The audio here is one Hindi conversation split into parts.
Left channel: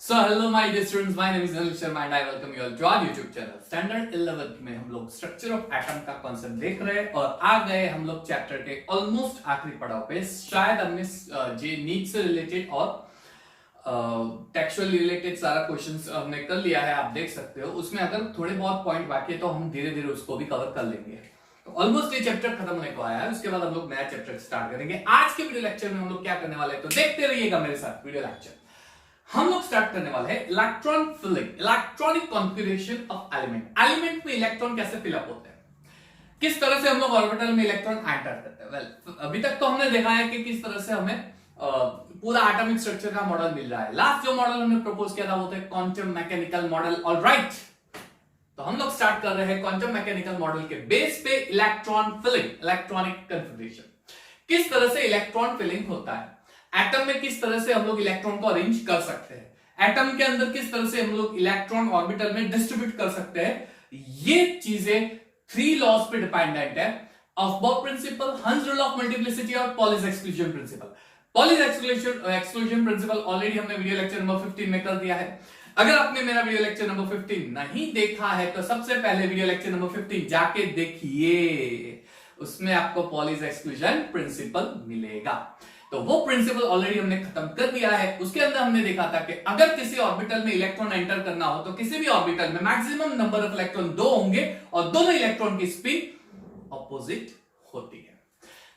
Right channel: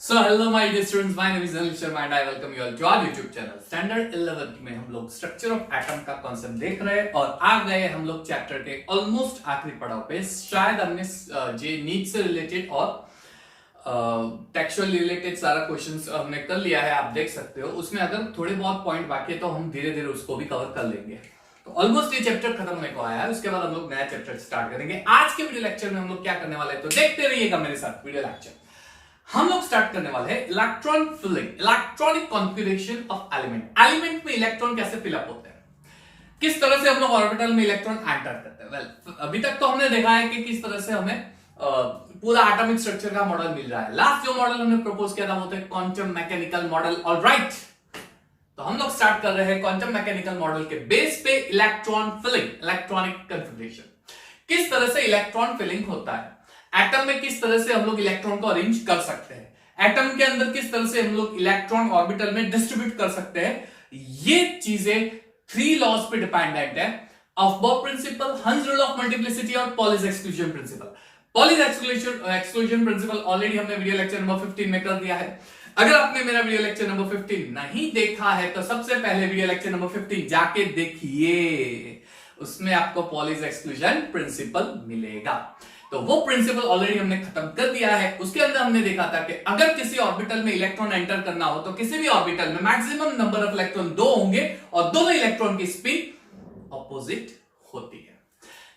So hello my dear students, my name is Anil Sharma and I welcome you all to our YouTube channel. Standard 11 में हम लोग स्ट्रक्चर ऑफ एटम का कॉन्सेप्ट देख रहे हैं और आ गए हम लोग चैप्टर के ऑलमोस्ट आखिरी पड़ाव पे। शायद हमने जे नीड से रिलेटेड और टेक्सचुअल रिलेटेड सारा क्वेश्चंस हमने कर लिया है, आप देख सकते हो। उसमें अगर थोड़े बहुत पॉइंट बाकी है तो हम धीरे धीरे उसको भी कवर कर लेंगे। तो ऑलमोस्ट ये चैप्टर खत्म होने को आया है, उसके बाद हम लोग नया चैप्टर स्टार्ट करेंगे। आज के वीडियो लेक्चर में हम लोग क्या करने वाले हैं तो देखते रहिएगा मेरे साथ वीडियो लेक्चर। हम लोग स्टार्ट करने वाले हैं electron filling, electronic configuration of element. Element में इलेक्ट्रॉन कैसे फिलअप होते हैं, किस तरह से हम लोग ऑर्बिटल में इलेक्ट्रॉन एंटर करते हैं। वेल, अभी तक तो हमने देखा है कि किस तरह से हमें पूरा एटॉमिक स्ट्रक्चर का मॉडल मिल रहा है। लास्ट जो मॉडल हमने प्रपोज किया था वो था क्वांटम मैकेनिकल मॉडल। ऑलराइट, तो हम लोग स्टार्ट कर रहे हैं क्वांटम मैकेनिकल मॉडल के बेस पे इलेक्ट्रॉन फिलिंग, इलेक्ट्रॉनिक कॉन्फ़िगरेशन। किस तरह से इलेक्ट्रॉन फिलिंग होता है, एटम में किस तरह से हम लोग इलेक्ट्रॉन को अरेंज कर सकते हैं, एटम के अंदर किस तरह से हम लोग इलेक्ट्रॉन ऑर्बिटल में डिस्ट्रीब्यूट कर सकते हैं, ये चीजें 3 लॉज पे डिपेंडेंट है। अफबाउ प्रिंसिपल, हंस रूल ऑफ मल्टीप्लिसिटी और Pauli's exclusion principle. Pauli's exclusion principle already हमने वीडियो लेक्चर नंबर 15 में कर दिया है। अगर आपने मेरा वीडियो लेक्चर नंबर 15 नहीं देखा है तो सबसे पहले वीडियो लेक्चर नंबर 15 जाके देखिए, उसमें आपको पॉलीज एक्सक्लूजन प्रिंसिपल मिलेगा। तो वो प्रिंसिपल ऑलरेडी हमने खत्म कर दिया है। उसके अंदर हमने देखा था कि अगर किसी ऑर्बिटल में इलेक्ट्रॉन एंटर करना हो तो किसी भी ऑर्बिटल में मैक्सिमम नंबर ऑफ इलेक्ट्रॉन 2 होंगे और दोनों इलेक्ट्रॉन की स्पीड ऑपोजिट होती है।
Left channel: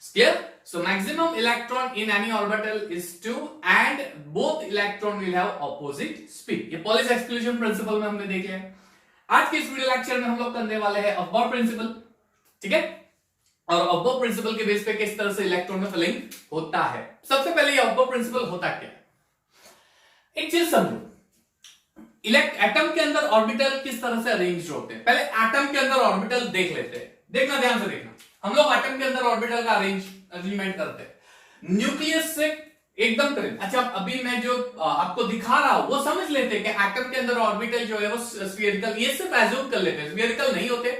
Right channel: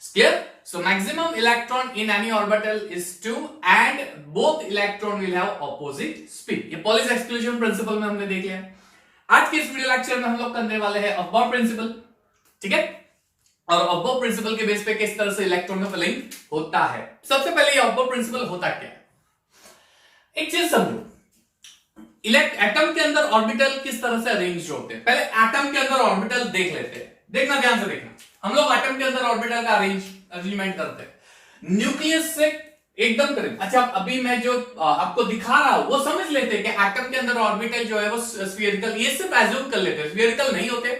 Clear? So maximum electron in any orbital is 2 and both electron will have opposite speed. ये पॉलीज एक्सक्लूजन प्रिंसिपल में हमने देख लिया है। आज के इस वीडियो लेक्चर में हम लोग करने वाले हैं अफबाउ प्रिंसिपल, ठीक है, और अफबाउ प्रिंसिपल के बेस पे किस तरह से इलेक्ट्रॉन का फिलिंग होता है। सबसे पहले ये अफबाउ प्रिंसिपल होता क्या है, एक चीज समझो। एटम के अंदर ऑर्बिटल किस तरह से अरेंज होते हैं। पहले एटम के अंदर ऑर्बिटल देख लेते हैं, देखना ध्यान से देखना। हम लोग एटम के अंदर ऑर्बिटल का अरेंजमेंट करते हैं न्यूक्लियस से एकदम करीब। अच्छा, अभी मैं जो आपको दिखा रहा हूं वो समझ लेते हैं कि एटम के अंदर ऑर्बिटल जो है वो स्फीयरिकल, ये सिर्फ एज्यूम कर लेते हैं, स्फीयरिकल नहीं होते।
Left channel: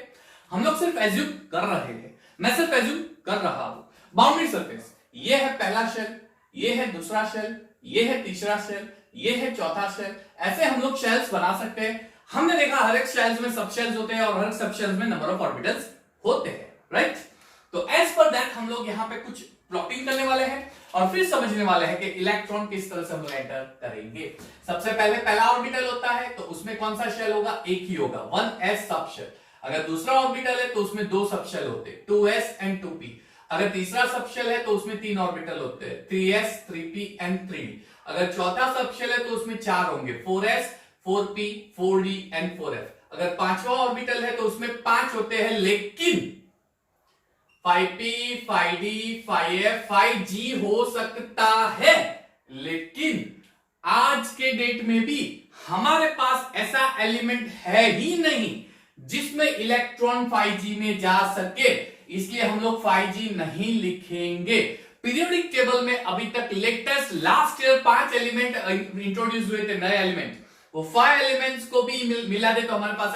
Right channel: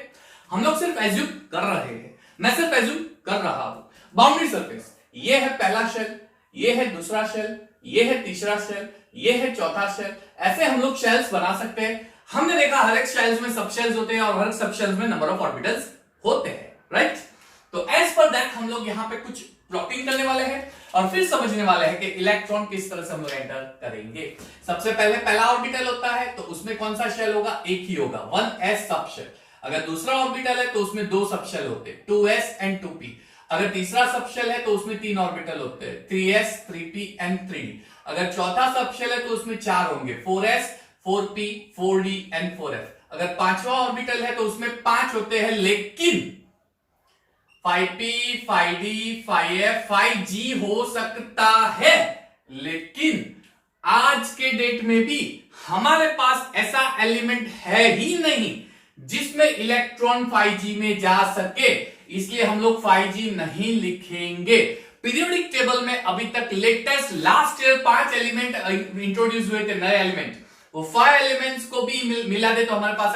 हम लोग सिर्फ एज्यूम कर रहे हैं, मैं सिर्फ एज्यूम कर रहा हूं। बाउंड्री सरफेस, ये है पहला शेल, ये है दूसरा शेल, ये है तीसरा शेल, ये है चौथा शेल। ऐसे हम लोग शेल्स बना सकते हैं। हमने देखा हर एक शेल्स में सब शेल्स होते हैं और हर सब शेल्स में नंबर ऑफ ऑर्बिटल्स होते हैं, राइट। तो एज पर दैट हम लोग यहां पे कुछ प्लॉटिंग करने वाले हैं और फिर समझने वाले हैं कि इलेक्ट्रॉन किस तरह से हम लोग एंटर करेंगे। सबसे पहले पहला ऑर्बिटल होता है तो उसमें कौन सा शेल होगा, एक ही होगा, 1s सब शेल। अगर दूसरा ऑर्बिटल है तो उसमें 2 सब शेल होते हैं, 2s एंड 2p। अगर तीसरा सब शेल है तो उसमें 3 ऑर्बिटल होते हैं, 3s 3p एंड 3d। अगर चौथा सब शेल है तो उसमें 4 होंगे, 4s 4p 4d and 4f। अगर पांचवा ऑर्बिटल है तो उसमें 5 होते हैं, लेकिन 5p 5d 5f 5g हो सकता है। लेकिन आज के डेट में भी हमारे पास ऐसा एलिमेंट है ही नहीं जिसमें इलेक्ट्रॉन 5g में जा सके, इसलिए हम लोग 5g नहीं लिखेंगे। पीरियोडिक टेबल में अभी तक latest last year 5 element introduce हुए थे, नए एलिमेंट। वो 5 एलिमेंट्स को भी मिला दे तो हमारे पास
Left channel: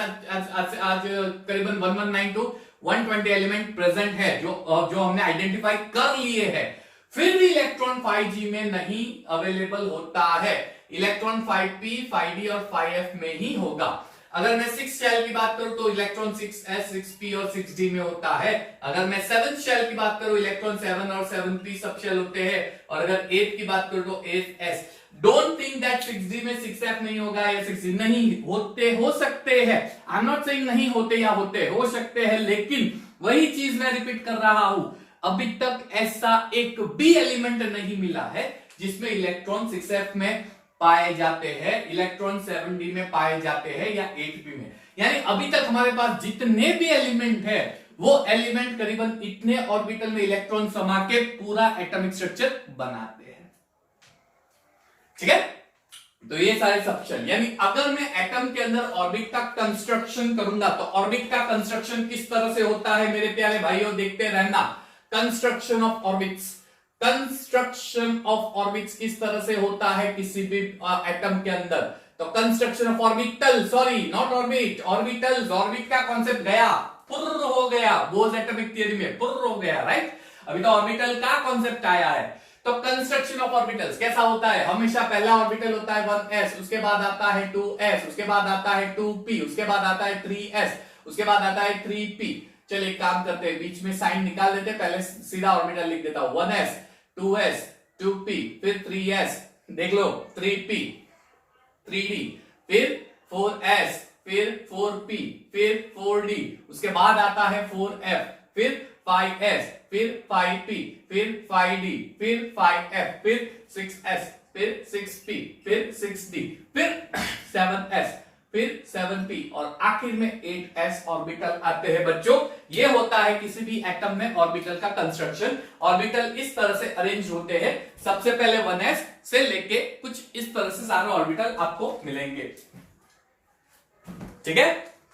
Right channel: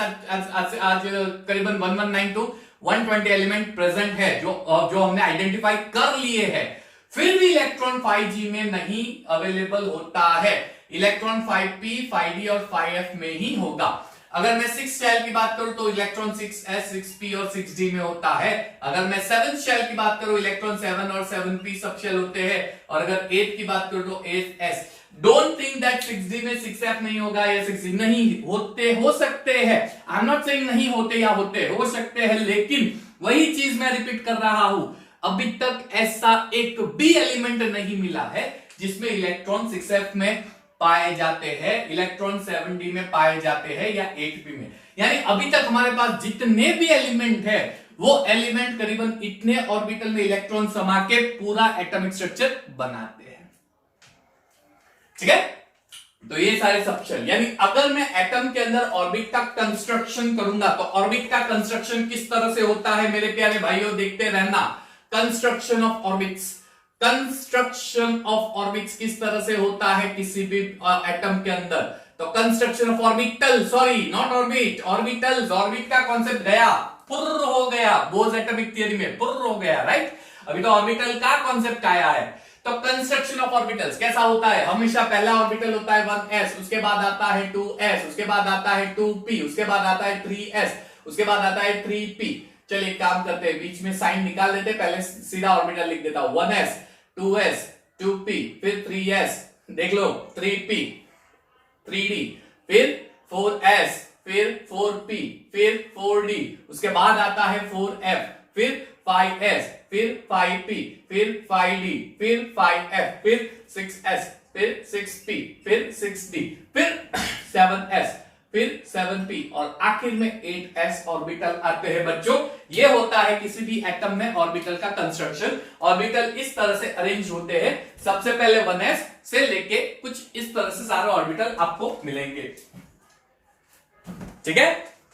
आज करीबन 1192 120 एलिमेंट प्रेजेंट है जो हमने आइडेंटिफाई कर लिए हैं। फिर भी इलेक्ट्रॉन 5g में नहीं अवेलेबल होता है, इलेक्ट्रॉन 5p 5d और 5f में ही होगा। अगर मैं 6 शेल की बात करूं तो इलेक्ट्रॉन 6s 6p और 6d में होता है। अगर मैं 7 शेल की बात करूं इलेक्ट्रॉन 7 और 7p सब शेल होते हैं। और अगर 8 की बात करूं तो 8s। Don't think that 6d में 6f नहीं होगा या 6d नहीं होते, हो सकते हैं। आई एम नॉट सेइंग नहीं होते या होते, हो सकते हैं, लेकिन वही चीज मैं रिपीट कर रहा हूं, अभी तक ऐसा एक भी एलिमेंट नहीं मिला है जिसमें इलेक्ट्रॉन 6f में पाए जाते हैं, इलेक्ट्रॉन 7d में पाए जाते हैं या 8p में। यानी अभी तक हमारे पास जितने भी एलिमेंट है वो एलिमेंट करीबन इतने ऑर्बिटल में इलेक्ट्रॉन समा के पूरा एटॉमिक स्ट्रक्चर बनाते हैं, ठीक है। तो ये सारे सब शेल, यानी अगर मैं एटम के अंदर ऑर्बिट का कंस्ट्रक्शन करूंगा तो ऑर्बिट का कंस्ट्रक्शन किस तरह से होता है मेरे प्यारे भाइयों, देखते रहना। Construction of orbits, construction of orbits किस तरह से होता है किसी भी एटम के अंदर। तो construction of orbital, sorry not orbit, orbitals. Orbit का कॉन्सेप्ट गया, पुर्र हो गया, बोज एटॉमिक थ्योरी में पुर्र हो गया, राइट। अभी तो ऑर्बिटल का कॉन्सेप्ट आया है। तो कंस्ट्रक्शन ऑफ ऑर्बिटल्स कैसा होता है? हमेशा पहला ऑर्बिटल होता है 1s, उसके बाद आता है 2s, उसके बाद आता है 2p, उसके बाद आता है 3s, उसके बाद आता है 3p। चलिए एक काम करते हैं, बीच में साइन निकाल देते हैं, पहले सीधा ऑर्बिटल लिख देता हूं 1s 2s 2p फिर 3s, देख लो 3p 3d फिर 4s फिर 4p फिर 4d, उसके बाद आता है 4f फिर 5s फिर 5p फिर 5d फिर 5f फिर 6s फिर 6p फिर 6d फिर 7s फिर 7p और आखिर में 8s ऑर्बिटल आते हैं बच्चों। ये होता है किसी भी एटम में ऑर्बिटल का कंस्ट्रक्शन। ऑर्बिटल इस तरह से अरेंज होते हैं, सबसे पहले 1s से लेके कुछ इस तरह से सारे ऑर्बिटल आपको मिलेंगे। ठीक है,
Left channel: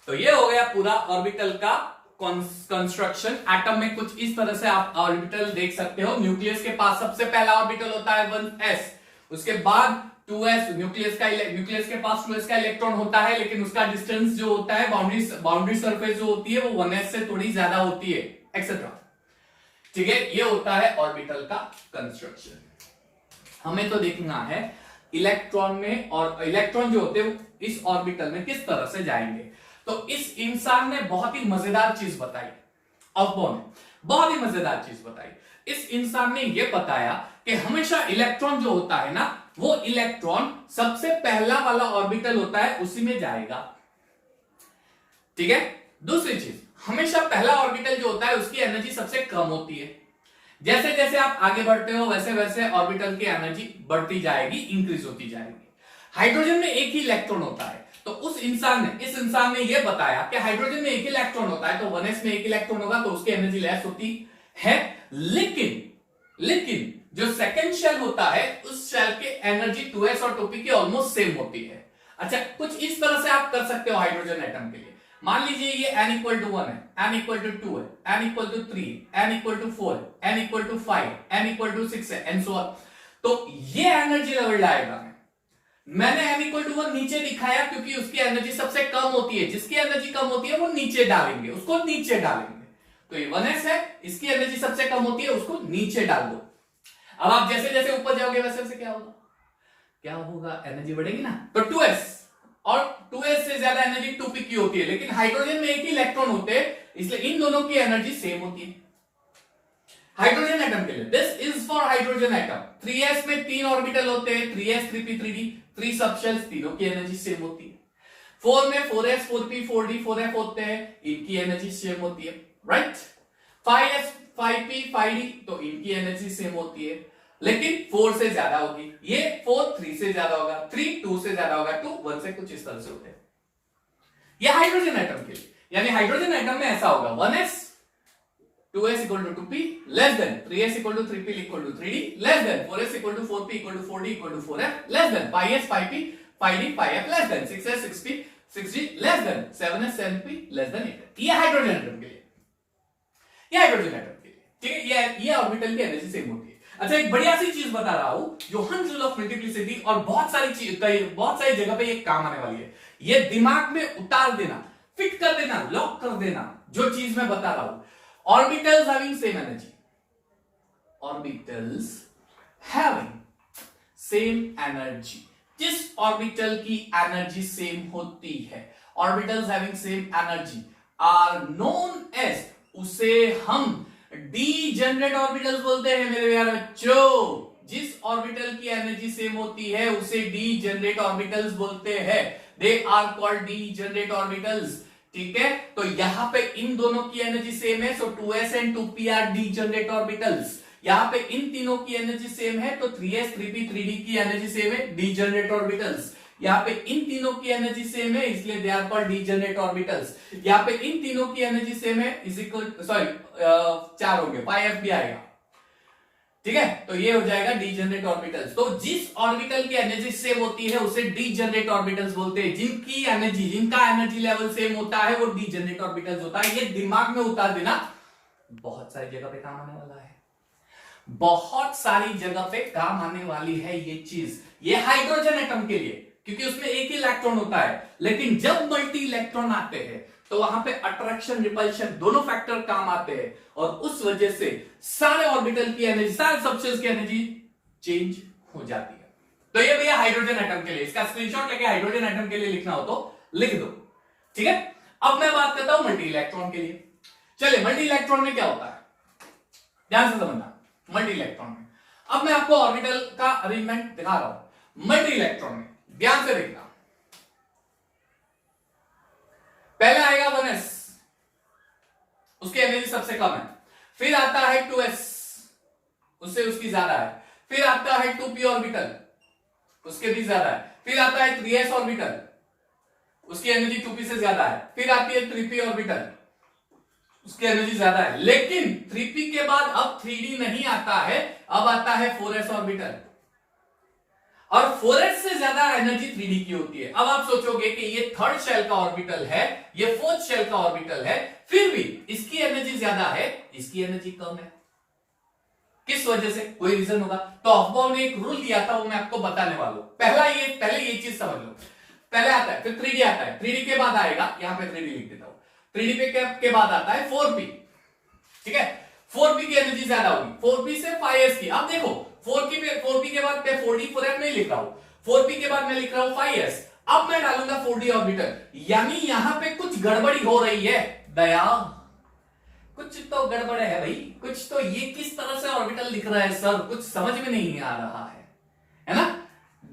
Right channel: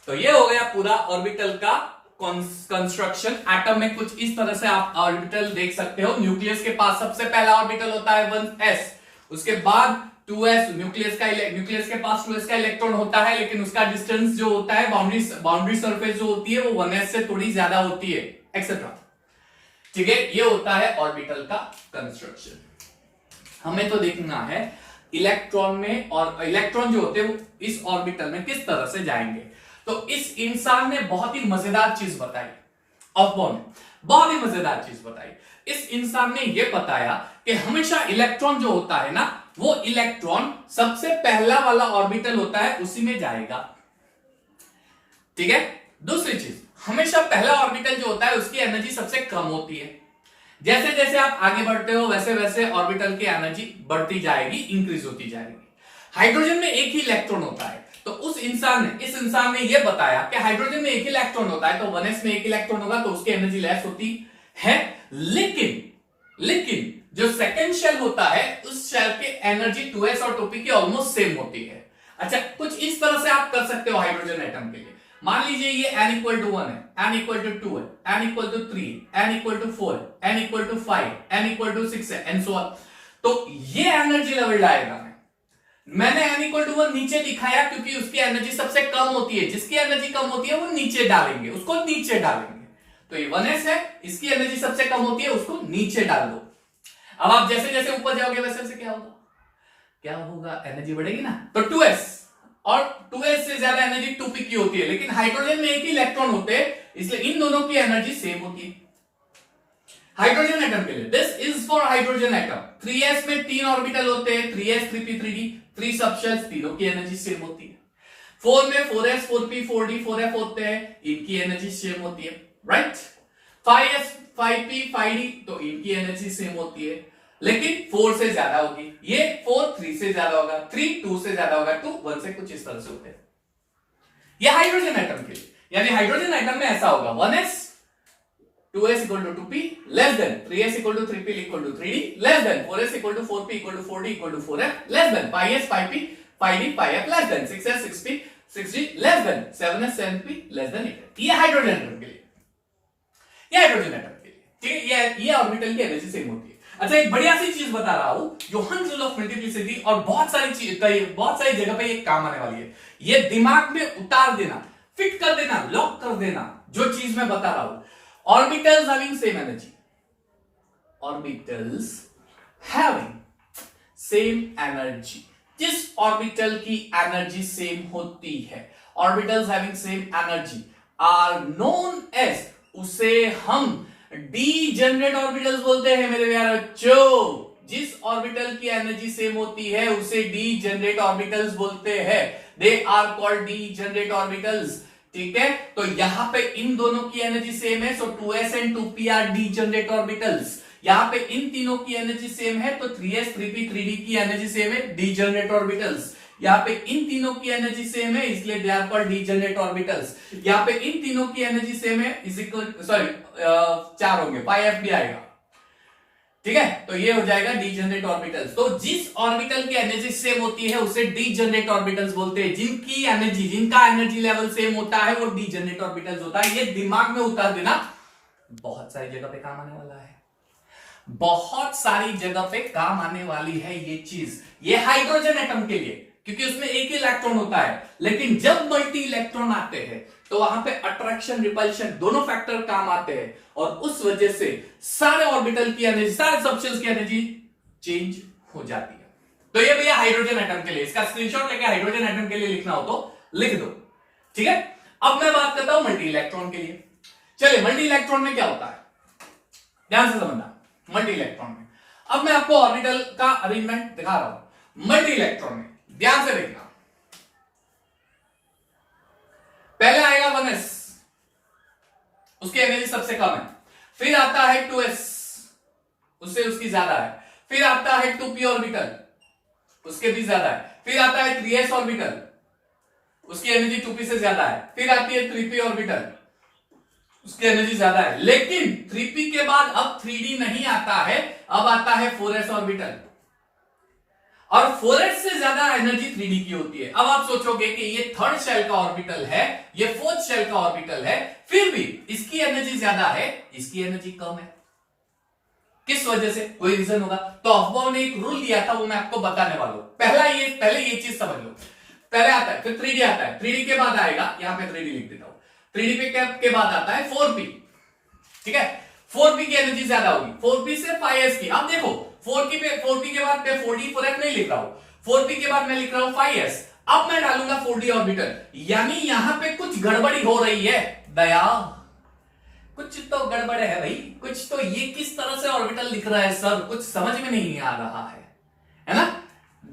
तो ये हो गया पूरा ऑर्बिटल का कंस्ट्रक्शन। एटम में कुछ इस तरह से आप ऑर्बिटल देख सकते हो। न्यूक्लियस के पास सबसे पहला ऑर्बिटल होता है 1s, उसके बाद 2s, न्यूक्लियस के पास 2s का इलेक्ट्रॉन होता है, लेकिन उसका डिस्टेंस जो होता है बाउंड्री सरफेस जो होती है वो 1s से थोड़ी ज्यादा होती है, एक्सेट्रा। ठीक है, ये होता है ऑर्बिटल का कंस्ट्रक्शन। हमें तो देखना है इलेक्ट्रॉन में, और इलेक्ट्रॉन जो होते हैं वो इस ऑर्बिटल में किस तरह से जाएंगे। तो इस इंसान ने बहुत ही मजेदार चीज बताई, ऑफबॉर्न ने बहुत ही मजेदार चीज बताई। इस इंसान ने यह बताया कि हमेशा इलेक्ट्रॉन जो होता है ना, वो इलेक्ट्रॉन सबसे पहला वाला ऑर्बिटल होता है उसी में जाएगा। ठीक है, दूसरी चीज, हमेशा पहला ऑर्बिटल जो होता है उसकी एनर्जी सबसे कम होती है। जैसे जैसे आप आगे बढ़ते हो वैसे वैसे ऑर्बिटल की एनर्जी बढ़ती जाएगी, इंक्रीज होती जाएगी। हाइड्रोजन में एक ही इलेक्ट्रॉन होता है, तो इस इंसान ने यह बताया कि हाइड्रोजन में एक ही इलेक्ट्रॉन होता है, तो 1s में एक इलेक्ट्रॉन होगा तो उसकी एनर्जी लेस होती है। लेकिन जो सेकंड शेल होता है उस शेल की एनर्जी 2s और 2p की ऑलमोस्ट सेम होती है। अच्छा, कुछ इस तरह से आप कर सकते हो हाइड्रोजन एटम के लिए। मान लीजिए ये n इक्वल टू 1 है, n इक्वल टू 2 है, n इक्वल टू 3 है, n इक्वल टू 4 है, n इक्वल टू 5 है, n इक्वल टू 6 है, एंड सो ऑन। तो ये एनर्जी लेवल डायग्राम है। मैंने n इक्वल टू 1 नीचे दिखाया क्योंकि उसकी एनर्जी सबसे कम होती है। जिसकी एनर्जी कम होती है वो नीचे डालेंगे, उसको नीचे डालेंगे। तो ये 1s है, इसकी एनर्जी सबसे कम होती है, उसको नीचे डाल दो। अब आप जैसे जैसे ऊपर जाओगे वैसे वैसे क्या होगा, एनर्जी बढ़ेगी ना। तो 2s, और 2s से ज्यादा एनर्जी 2p की होती है, लेकिन हाइड्रोजन में एक ही इलेक्ट्रॉन होते हैं, इसलिए इन दोनों की एनर्जी सेम होती है। हाइड्रोजन एटम के लिए, this is for hydrogen atom. 3s में 3 ऑर्बिटल होते हैं, 3s 3p 3d, 3 सबशेल्स, तीनों की एनर्जी सेम होती है। 4 में 4s 4p 4d 4f होते हैं, इनकी एनर्जी सेम होती है, राइट। 5s 5p 5d, तो इनकी एनर्जी सेम होती है, लेकिन 4 से ज्यादा होगी। ये 4 3 से ज्यादा होगा, 3 2 से ज्यादा होगा, 2 1 से, कुछ इस तरह से होते हैं। ये हाइड्रोजन एटम के लिए, यानी हाइड्रोजन एटम में ऐसा होगा 1s 2s equal to 2p less than 3s equal to 3p equal to 3d less than 4s equal to 4p equal to 4d equal to 4f less than 5s 5p 5d 5f less than 6s 6p 6d less than 7s 7p less than 8f। ये हाइड्रोजन एटम के लिए, ये हाइड्रोजन एटम के लिए, ठीक है। ये ऑर्बिटल की एनर्जी सेम होती है। अच्छा, एक बढ़िया सी चीज बता रहा हूं, योहान्स लॉ ऑफ मल्टीप्लिसिटी, और बहुत सारी जगह पे ये काम आने वाली है। ये दिमाग में उतार देना, फिट कर देना, लॉक कर देना जो चीज मैं बता रहा हूं। Orbitals having same energy, orbitals having same energy, जिस ऑर्बिटल की एनर्जी सेम होती है, orbitals having same energy are known as, उसे हम डीजेनरेट ऑर्बिटल्स बोलते हैं मेरे प्यारे बच्चों। जिस ऑर्बिटल की एनर्जी सेम होती है उसे डीजेनरेट ऑर्बिटल्स बोलते हैं, they are called degenerate orbitals. ठीक है, तो यहां पे इन दोनों की एनर्जी सेम है, so 2s and 2p are degenerate orbitals. यहां पे इन तीनों की एनर्जी सेम है, तो 3s 3p 3d की एनर्जी सेम है, डीजेनरेट ऑर्बिटल्स। यहां पे इन तीनों की एनर्जी सेम है, इसलिए they are called degenerate orbitals. यहां पे इन तीनों की एनर्जी सेम है, इज इक्वल, सॉरी 4 होंगे, 5f भी आएगा। ठीक है, तो ये हो जाएगा डीजेनरेट ऑर्बिटल्स। तो जिस ऑर्बिटल की एनर्जी सेम होती है उसे डीजेनरेट ऑर्बिटल्स बोलते हैं। जिनका एनर्जी लेवल सेम होता है वो डीजेनरेट ऑर्बिटल्स होता है। ये दिमाग में उतार देना, बहुत सारी जगह पे काम आने वाला है, बहुत सारी जगह पे काम आने वाली है ये चीज। ये हाइड्रोजन एटम के लिए, क्योंकि उसमें एक ही इलेक्ट्रॉन होता है, लेकिन जब मल्टी इलेक्ट्रॉन आते हैं तो वहां पे अट्रैक्शन रिपल्शन दोनों फैक्टर काम आते हैं, और उस वजह से सारे ऑर्बिटल की एनर्जी, सारे सबशेल्स की एनर्जी चेंज हो जाती है। तो ये भैया हाइड्रोजन एटम के लिए, इसका स्क्रीनशॉट लेके हाइड्रोजन एटम के लिए लिखना हो तो लिख दो, ठीक है। अब मैं बात करता हूं मल्टी इलेक्ट्रॉन के लिए। चलिए, मल्टी इलेक्ट्रॉन में क्या होता है, ध्यान से समझना। मल्टी इलेक्ट्रॉन में अब मैं आपको ऑर्बिटल का अरेंजमेंट दिखा रहा हूं। मल्टी इलेक्ट्रॉन में ध्यान से देखना, पहले आएगा 1s, उसकी एनर्जी सबसे कम है। फिर आता है 2s, उससे उसकी ज्यादा है। फिर आता है 2p ऑर्बिटल, उसके भी ज्यादा है। फिर आता है 3s ऑर्बिटल, उसकी एनर्जी 2p से ज्यादा है। फिर आती है 3p ऑर्बिटल, उसकी एनर्जी ज्यादा है। लेकिन 3p के बाद अब 3d नहीं आता है, अब आता है 4s ऑर्बिटल, और 4s से ज्यादा एनर्जी 3d की होती है। अब आप सोचोगे कि ये थर्ड शेल का ऑर्बिटल है, ये फोर्थ शेल का ऑर्बिटल है, फिर भी इसकी एनर्जी ज्यादा है, इसकी एनर्जी कम है। किस वजह से, कोई रीजन होगा। तो अफबाउ ने एक रूल दिया था, वो मैं आपको बताने वाला हूं। पहले ये चीज समझ लो। पहले आता है, फिर 3d आता है, 3d के बाद आएगा, यहां पे 3d लिख देता हूं, 3d के बाद आता है 4p, ठीक है। 4p की एनर्जी ज्यादा होगी, 4p से 5s की। अब देखो 4p के बाद 4d 4f नहीं लिख रहा हूं, 4p के बाद मैं लिख रहा हूं 5s। अब मैं डालूंगा 4d ऑर्बिटल, यानी यहां पे कुछ गड़बड़ी हो रही है दया, कुछ तो गड़बड़ है भाई, कुछ तो। ये किस तरह से ऑर्बिटल लिख रहा है सर, कुछ समझ में नहीं आ रहा है ना।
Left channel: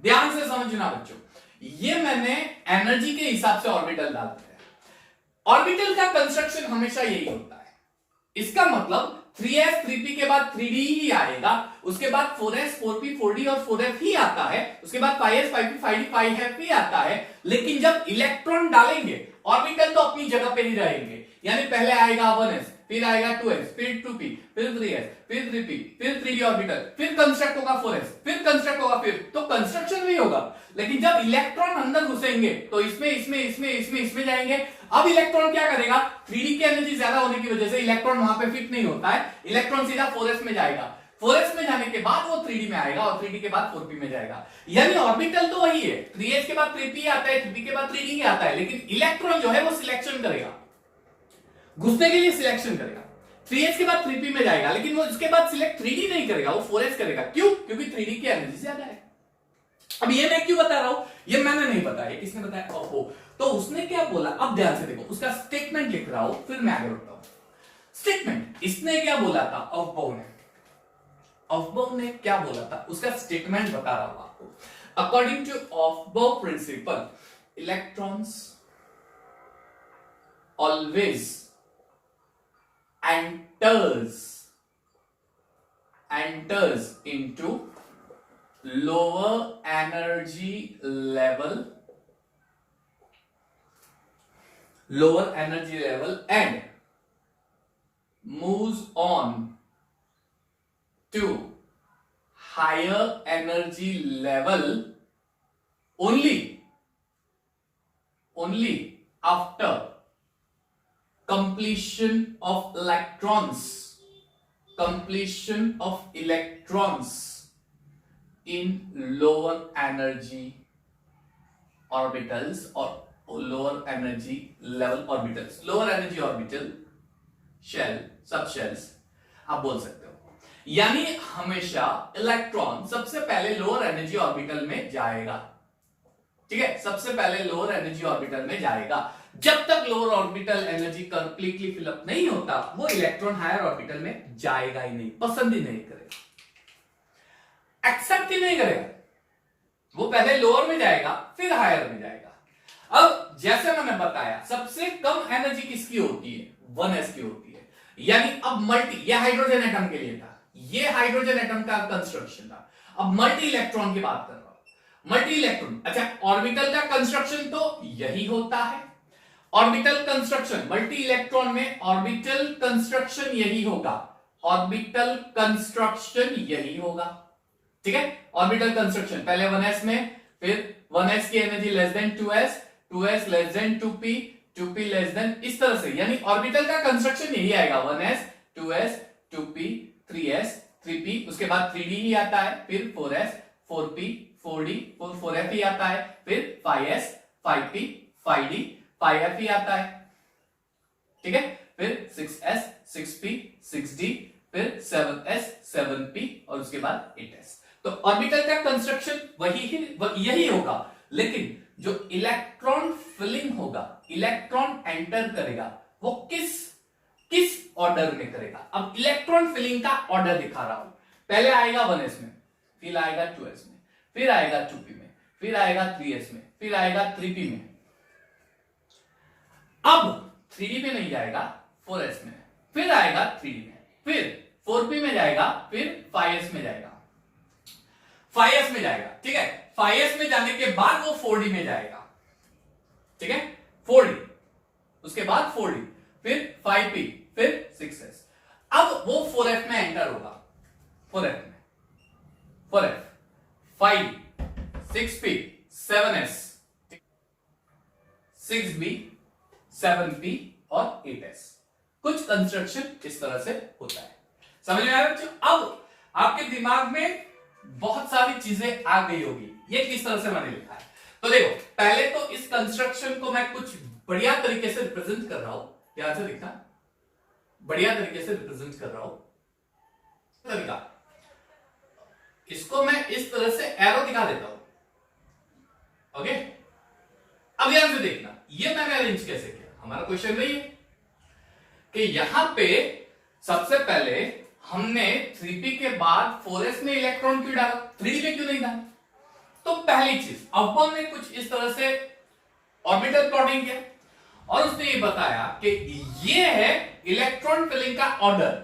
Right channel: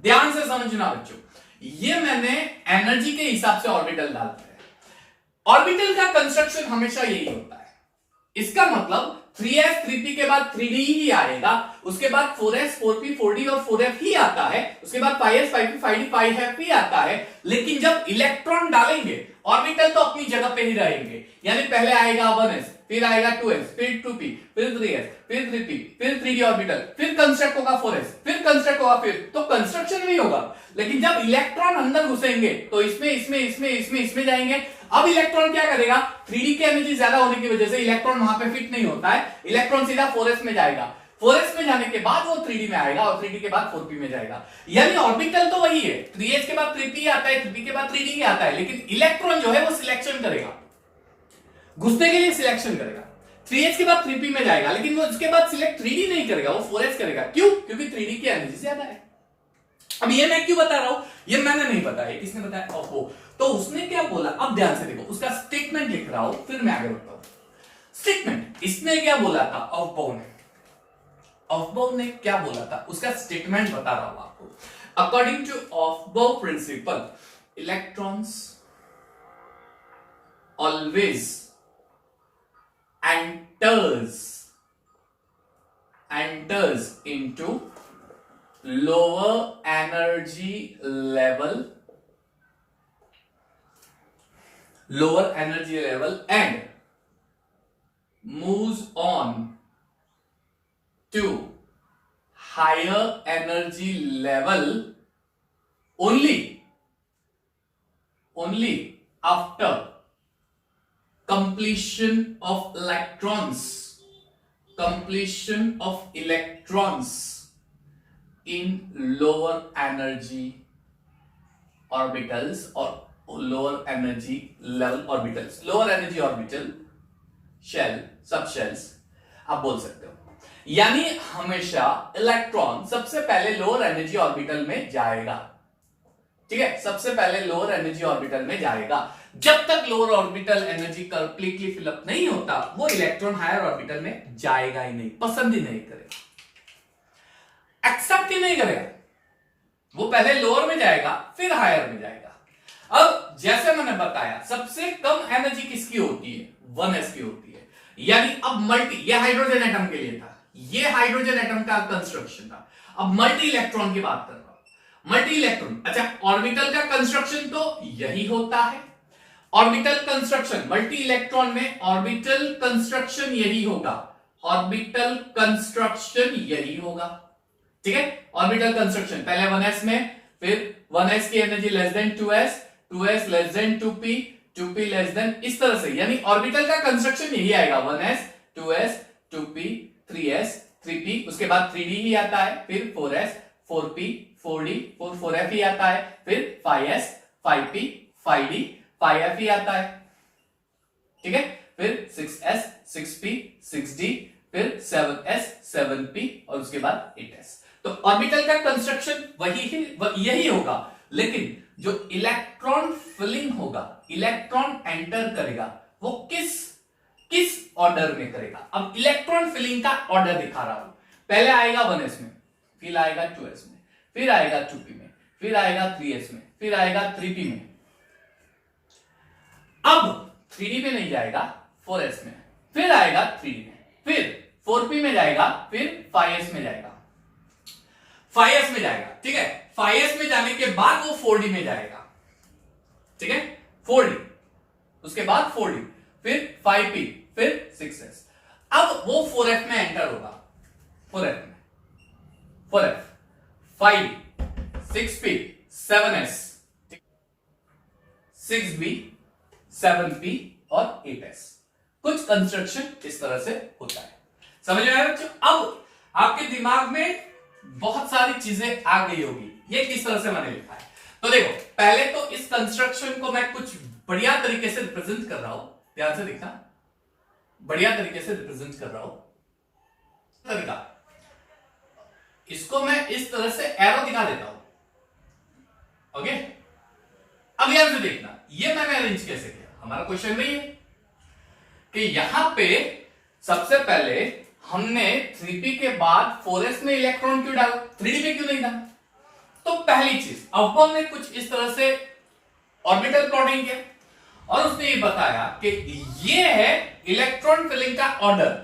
ध्यान से समझना बच्चों, ये मैंने एनर्जी के हिसाब से ऑर्बिटल डाल दिया है। ऑर्बिटल का कंस्ट्रक्शन हमेशा यही होता है। इसका मतलब 3s 3p के बाद 3d ही आएगा, उसके बाद 4s 4p 4d और 4f ही आता है, उसके बाद 5s 5p 5d 5f ही आता है। लेकिन जब इलेक्ट्रॉन डालेंगे, ऑर्बिटल तो अपनी जगह पे ही रहेंगे। यानी पहले आएगा 1s, फिर आएगा 2s, फिर 2p, फिर 3s, फिर 3p, फिर 3d ऑर्बिटल, फिर कंस्ट्रक्ट होगा 4s, फिर कंस्ट्रक्ट होगा, फिर तो कंस्ट्रक्शन नहीं होगा। लेकिन जब इलेक्ट्रॉन अंदर घुसेंगे तो इसमें जाएंगे। अब इलेक्ट्रॉन क्या करेगा, 3d की एनर्जी ज्यादा होने की वजह से इलेक्ट्रॉन वहां पे फिट नहीं होता है, इलेक्ट्रॉन सीधा 4s में जाएगा। 4s में जाने के बाद वो 3d में आएगा, और 3d के बाद 4p में जाएगा। यानी ऑर्बिटल तो वही है, 3s के बाद 3p आता है, 3p के बाद 3d आता है, लेकिन इलेक्ट्रॉन जो है वो सिलेक्शन करेगा, घुसने के लिए सिलेक्शन करेगा। 3s के बाद 3p में जाएगा, लेकिन वो उसके बाद सिलेक्ट 3d नहीं करेगा, वो 4s करेगा। क्यों? क्योंकि 3d की एनर्जी ज्यादा है। अब ये मैं क्यों बता रहा हूं, ये मैंने नहीं बताया, किसने बताया, ओहो। तो उसने क्या बोला, अब ध्यान से देखो, उसका स्टेटमेंट लिख रहा हूं, फिर मैं आगे बढ़ता हूं। स्टेटमेंट, इसने क्या बोला था, ऑफबाउ ने क्या बोला था, उसका स्टेटमेंट बता रहा हूं आपको। According to Aufbau principle, electrons always enters into lower energy level and moves on to higher energy level only after completion of electrons in lower energy orbitals or lower energy level orbitals, lower energy orbital shell, subshells आप बोल सकते हो। यानी हमेशा इलेक्ट्रॉन सबसे पहले लोअर एनर्जी ऑर्बिटल में जाएगा, ठीक है, सबसे पहले लोअर एनर्जी ऑर्बिटल में जाएगा। जब तक lower orbital energy completely fill up नहीं होता, वो इलेक्ट्रॉन हायर ऑर्बिटल में जाएगा ही नहीं, पसंद ही नहीं करेगा, एक्सेप्ट ही नहीं करेगा। वो पहले लोअर में जाएगा, फिर हायर में जाएगा। अब जैसे मैंने बताया, सबसे कम एनर्जी किसकी होती है, 1s की होती है। यानी अब मल्टी, ये हाइड्रोजन एटम के लिए था, ये हाइड्रोजन एटम का कंस्ट्रक्शन था। अब मल्टी इलेक्ट्रॉन की बात कर रहा हूं, मल्टी इलेक्ट्रॉन। अच्छा, ऑर्बिटल का कंस्ट्रक्शन तो यही होता है, ऑर्बिटल कंस्ट्रक्शन मल्टी इलेक्ट्रॉन में ऑर्बिटल कंस्ट्रक्शन यही होगा, ऑर्बिटल कंस्ट्रक्शन यही होगा, ठीक है। ऑर्बिटल कंस्ट्रक्शन पहले 1s में, फिर 1s की energy less than 2s, 2s less than 2p, 2p less then, इस तरह से। यानी ऑर्बिटल का कंस्ट्रक्शन यही आएगा, 1s 2s 2p 3s 3p, उसके बाद 3d ही आता है, फिर 4s 4p 4d 4f ही आता है, फिर 5s 5p 5d 5f ही आता है, ठीक है। फिर 6s 6p 6d, फिर 7s 7p, और उसके बाद 8s। तो तो ऑर्बिटल का कंस्ट्रक्शन यही होगा, लेकिन जो इलेक्ट्रॉन फिलिंग होगा, इलेक्ट्रॉन एंटर करेगा, वो किस ऑर्डर में करेगा। अब इलेक्ट्रॉन फिलिंग का ऑर्डर दिखा रहा हूं। पहले आएगा 1s में, फिर आएगा 2s में, फिर आएगा 2p में, फिर आएगा 3s में, फिर आएगा 3p में। अब 3d में नहीं जाएगा, 4s में, फिर आएगा 3d में, फिर 4p में जाएगा, फिर 5s में जाएगा, 5s में जाएगा। ठीक है, 5s में जाने के बाद वो 4d में जाएगा। ठीक है, 4d, उसके बाद 4d, फिर 5p, फिर 6s। अब वो 4f में एंटर होगा, 4f में, 4f, 5d, 6p, 7s, 6b, 7p और 8s। कुछ कंस्ट्रक्शन इस तरह से होता है, समझ में आया बच्चों? अब आपके दिमाग में बहुत सारी चीजें आ गई होगी, ये किस तरह से मैंने लिखा है। तो देखो, पहले तो इस कंस्ट्रक्शन को मैं कुछ बढ़िया तरीके से रिप्रेजेंट कर रहा हूं, ध्यान से देखना, बढ़िया तरीके से रिप्रेजेंट कर रहा हूं। तरीका, इसको मैं इस तरह से एरो दिखा देता हूं। ओके, अब यहां से देखना, ये मैंने अरेंज कैसे किया। हमारा क्वेश्चन वही है कि यहां पे सबसे पहले हमने 3p के बाद 4s में इलेक्ट्रॉन क्यों डाला, 3d में क्यों नहीं डाला। तो पहली चीज, अवबॉम ने कुछ इस तरह से ऑर्बिटल प्लॉटिंग किया और उसने ये बताया कि ये है इलेक्ट्रॉन फिलिंग का ऑर्डर।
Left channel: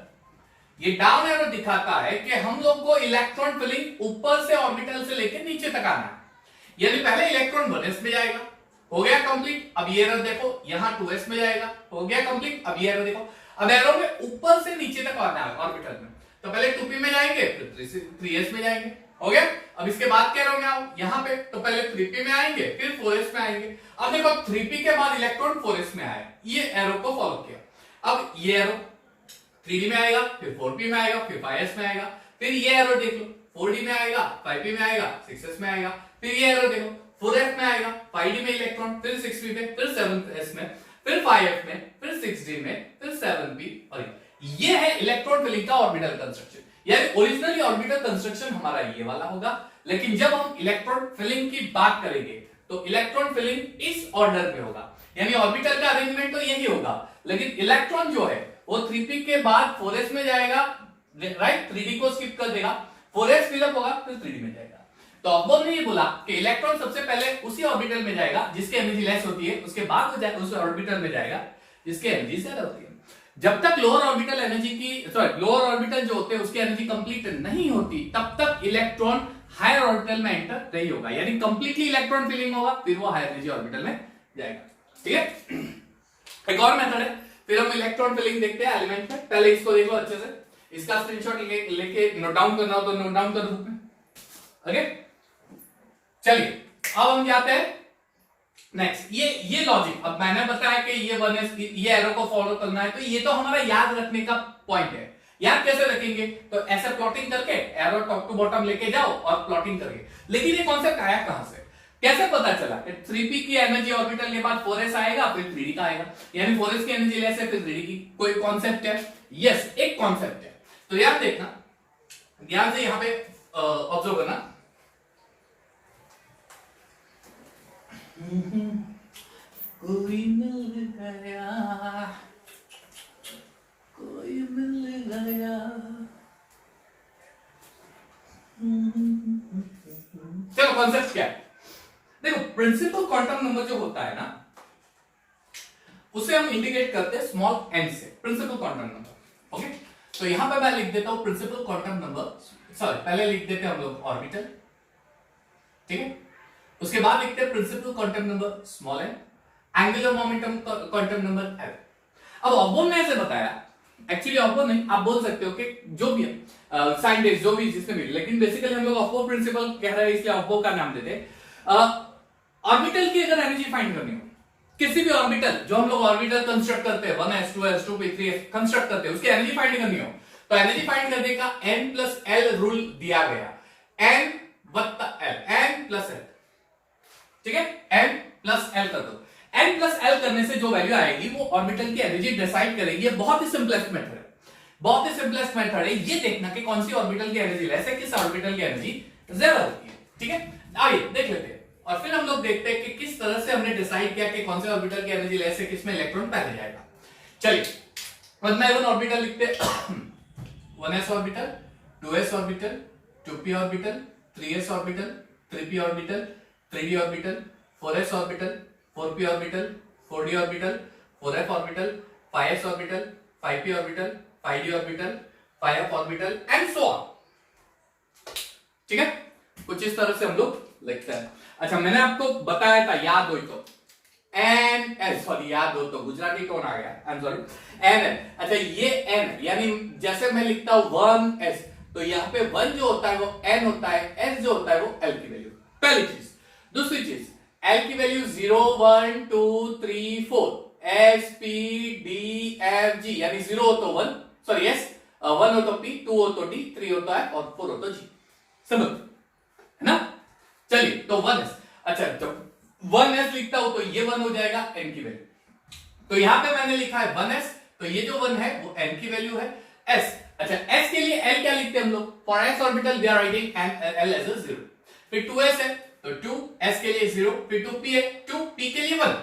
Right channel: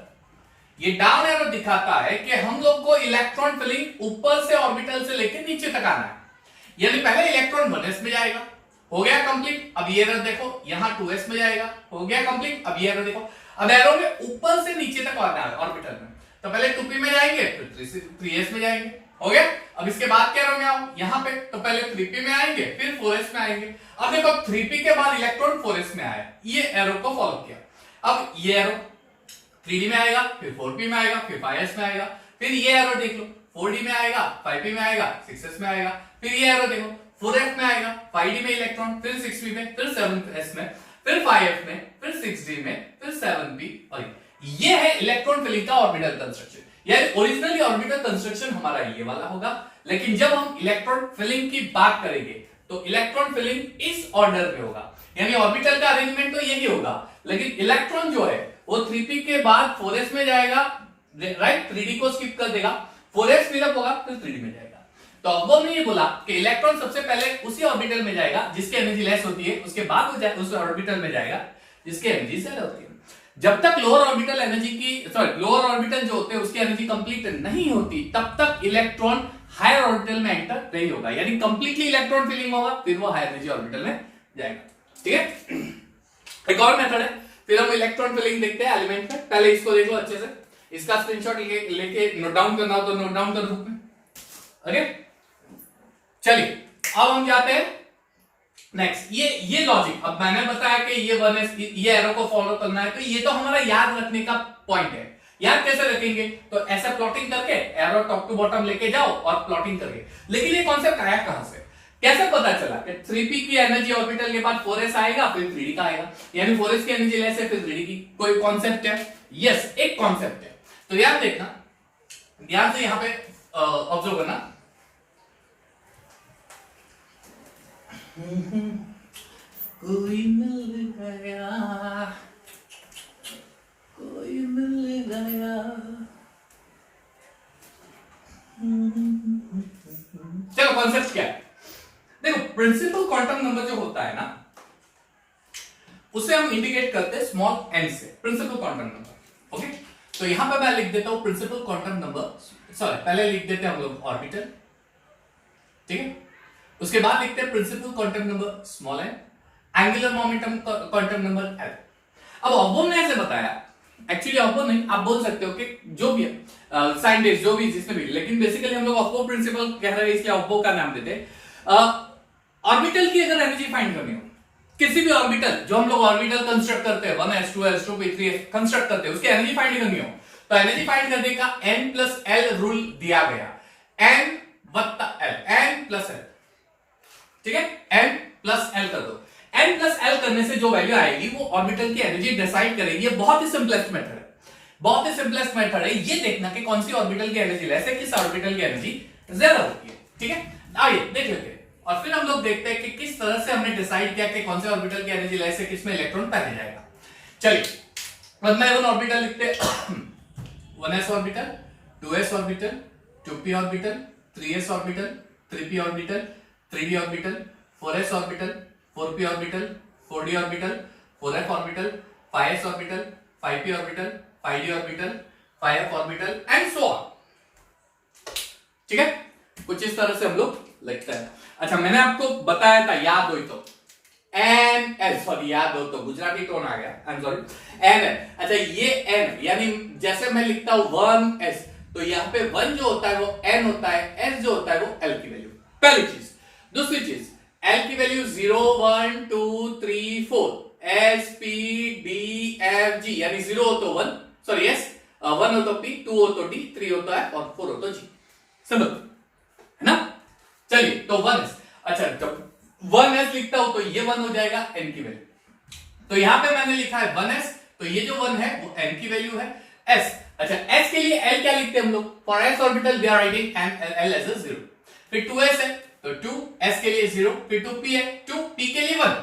ये डाउन एरो दिखाता है कि हम लोग को इलेक्ट्रॉन फिलिंग ऊपर से ऑर्बिटल से लेकर नीचे तक आना है। यानी पहले इलेक्ट्रॉन 1s में जाएगा, हो गया कंप्लीट। अब ये एरो देखो, यहां 2s में जाएगा, हो गया कंप्लीट। अब ये एरो देखो, अब एरो में ऊपर से नीचे तक आना है ऑर्बिटल में। तो पहले 2p में जाएंगे, फिर 3s में जाएंगे, हो गया। अब इसके बाद क्या एरो में आओ, यहां पे तो पहले 3p में आएंगे, फिर 4s में आएंगे। अब देखो 3p के बाद इलेक्ट्रॉन 4s में आया, ये एरो को फॉलो किया। अब ये एरो 3d में आएगा, फिर 4p में आएगा, फिर 5s में आएगा। फिर ये एरो देख लो, 4d में आएगा, 5p में आएगा, 6s में आएगा। फिर ये एरो देखो, 4f में आएगा, 5d में इलेक्ट्रॉन, फिर 6p में, फिर 7s में, फिर 5f में, फिर 6d में, फिर 7p। और ये है इलेक्ट्रॉन फिलिंग का ऑर्बिटल कंस्ट्रक्शन। यानी ओरिजिनली ऑर्बिटल कंस्ट्रक्शन हमारा ये वाला होगा, लेकिन जब हम इलेक्ट्रॉन फिलिंग की बात करेंगे तो इलेक्ट्रॉन फिलिंग इस ऑर्डर में होगा। यानी ऑर्बिटल का अरेंजमेंट तो यही होगा, लेकिन इलेक्ट्रॉन जो है वो 3p के बाद 4s में जाएगा, राइट, 3d को स्किप कर देगा, 4s फिलअप होगा, फिर 3d में जाएगा। तो अब ने ये बोला कि इलेक्ट्रॉन सबसे पहले उसी ऑर्बिटल में जाएगा जिसकी एनर्जी लेस होती है, उसके बाद वो उस ऑर्बिटल में जाएगा जिसकी एनर्जी ज्यादा होती है। जब तक लोअर ऑर्बिटल एनर्जी की लोअर ऑर्बिटल जो होते हैं उसकी एनर्जी कंप्लीट नहीं होती, तब तक इलेक्ट्रॉन हायर ऑर्बिटल में एंटर नहीं होगा। यानी कंप्लीटली इलेक्ट्रॉन फिलिंग होगा, फिर वो हायर एनर्जी ऑर्बिटल में जाएगा। ठीक है, एक और मेथड है, फिर हम इलेक्ट्रॉन फिलिंग देखते हैं एलिमेंट में। पहले इसको देखो अच्छे से, इसका स्क्रीनशॉट लेके नोट डाउन करना हो तो नोट डाउन कर बुक में। ओके, चलिए अब हम जाते हैं नेक्स्ट। ये लॉजिक, अब मैंने बताया कि ये 1s, ये एरो को फॉलो करना है, तो ये तो हमारा याद रखने का पॉइंट है। याद कैसे रखेंगे, तो ऐसा प्लॉटिंग करके एरो टॉप टू बॉटम लेके जाओ और प्लॉटिंग करके। लेकिन ये कॉन्सेप्ट आया कहां से, कैसे पता चला कि 3p की एनर्जी ऑर्बिटल के बाद 4s आएगा, फिर 3d का आएगा, यानी 4s की एनर्जी लेस है, फिर 3d की। कोई कॉन्सेप्ट है? यस, एक कॉन्सेप्ट है। तो याद देखना, ध्यान से यहां पे ऑब्जर्व करना। कोई मिल गया, कोई मिल गया। चलो कॉन्सेप्ट क्या है, देखो प्रिंसिपल क्वांटम नंबर जो होता है ना, उसे हम इंडिकेट करते हैं स्मॉल n से, प्रिंसिपल क्वांटम नंबर। ओके, तो यहां पर मैं लिख देता हूं प्रिंसिपल क्वांटम नंबर, सॉरी पहले लिख देते हैं हम लोग ऑर्बिटल, ठीक है। उसके बाद लिखते हैं principal quantum number small n, angular momentum quantum number l। अब ऑब्बोम ने ऐसे बताया, एक्चुअली ऑब्बोम नहीं, आप बोल सकते हो कि जो भी साइंटिस्ट जो भी जिसने भी, लेकिन बेसिकली हम लोग ऑब्बो प्रिंसिपल कह रहे हैं, इसलिए ऑब्बो का नाम देते हैं। ऑर्बिटल की अगर एनर्जी फाइंड करनी हो, किसी भी ऑर्बिटल जो हम लोग ऑर्बिटल कंस्ट्रक्ट करते हैं 1s 2s 2p 3s construct करते हैं, उसकी एनर्जी फाइंड करनी हो तो एनर्जी फाइंड करने का n प्लस l रूल दिया गया, n वत्ता l, n प्लस l, ठीक है, n प्लस l कर दो। n प्लस l करने से जो वैल्यू आएगी वो ऑर्बिटल की एनर्जी डिसाइड करेगी। ये बहुत ही सिंपलेस्ट मेथड है, बहुत ही सिंपलेस्ट मेथड है। ये देखना कि कौन सी ऑर्बिटल की एनर्जी लेस है, किस ऑर्बिटल की एनर्जी ज्यादा होती है। ठीक है, आइए देख लेते हैं और फिर हम लोग देखते हैं कि किस तरह से हमने डिसाइड किया कि कौन से ऑर्बिटल की एनर्जी लेस है, किसमें इलेक्ट्रॉन पहले जाएगा। चलिए 1 by 1 ऑर्बिटल लिखते हैं। 1s orbital, 2s orbital, 2p orbital, 3s orbital, 3p orbital, 3d orbital, 4s orbital, 4p orbital, 4d orbital, 4f orbital, 5s orbital, 5p orbital, 5d orbital, 5f orbital and so on. ठीक है, कुछ इस तरह से हम लोग लिखते हैं। अच्छा, मैंने आपको बताया था, याद हो तो एन एस, सॉरी याद हो तो गुजराती टोन आ गया, I am sorry, N N. अच्छा, ये एन यानी जैसे मैं लिखता हूं 1s, तो यहाँ पे 1 जो होता है वो n होता है, s जो होता है वो l की वैल्यू। पहली चीज। दूसरी चीज, l की value 0 1 2 3 4, s p d f g, यानी 0 हो तो 1, सॉरी s, 1 हो तो p, 2 हो तो d, 3 हो तो f और 4 हो तो g। समझ है ना? चलिए तो 1s। अच्छा, जब 1s लिखता हूं तो ये 1 हो जाएगा n की वैल्यू। तो यहां पे मैंने लिखा है 1s, तो ये जो 1 है वो n की वैल्यू है। s, अच्छा s के लिए l क्या लिखते हैं हम लोग? For s orbital we are writing l as a 0। फिर 2s है तो 2, s के लिए 0, फिर 2p है, 2p के लिए 1,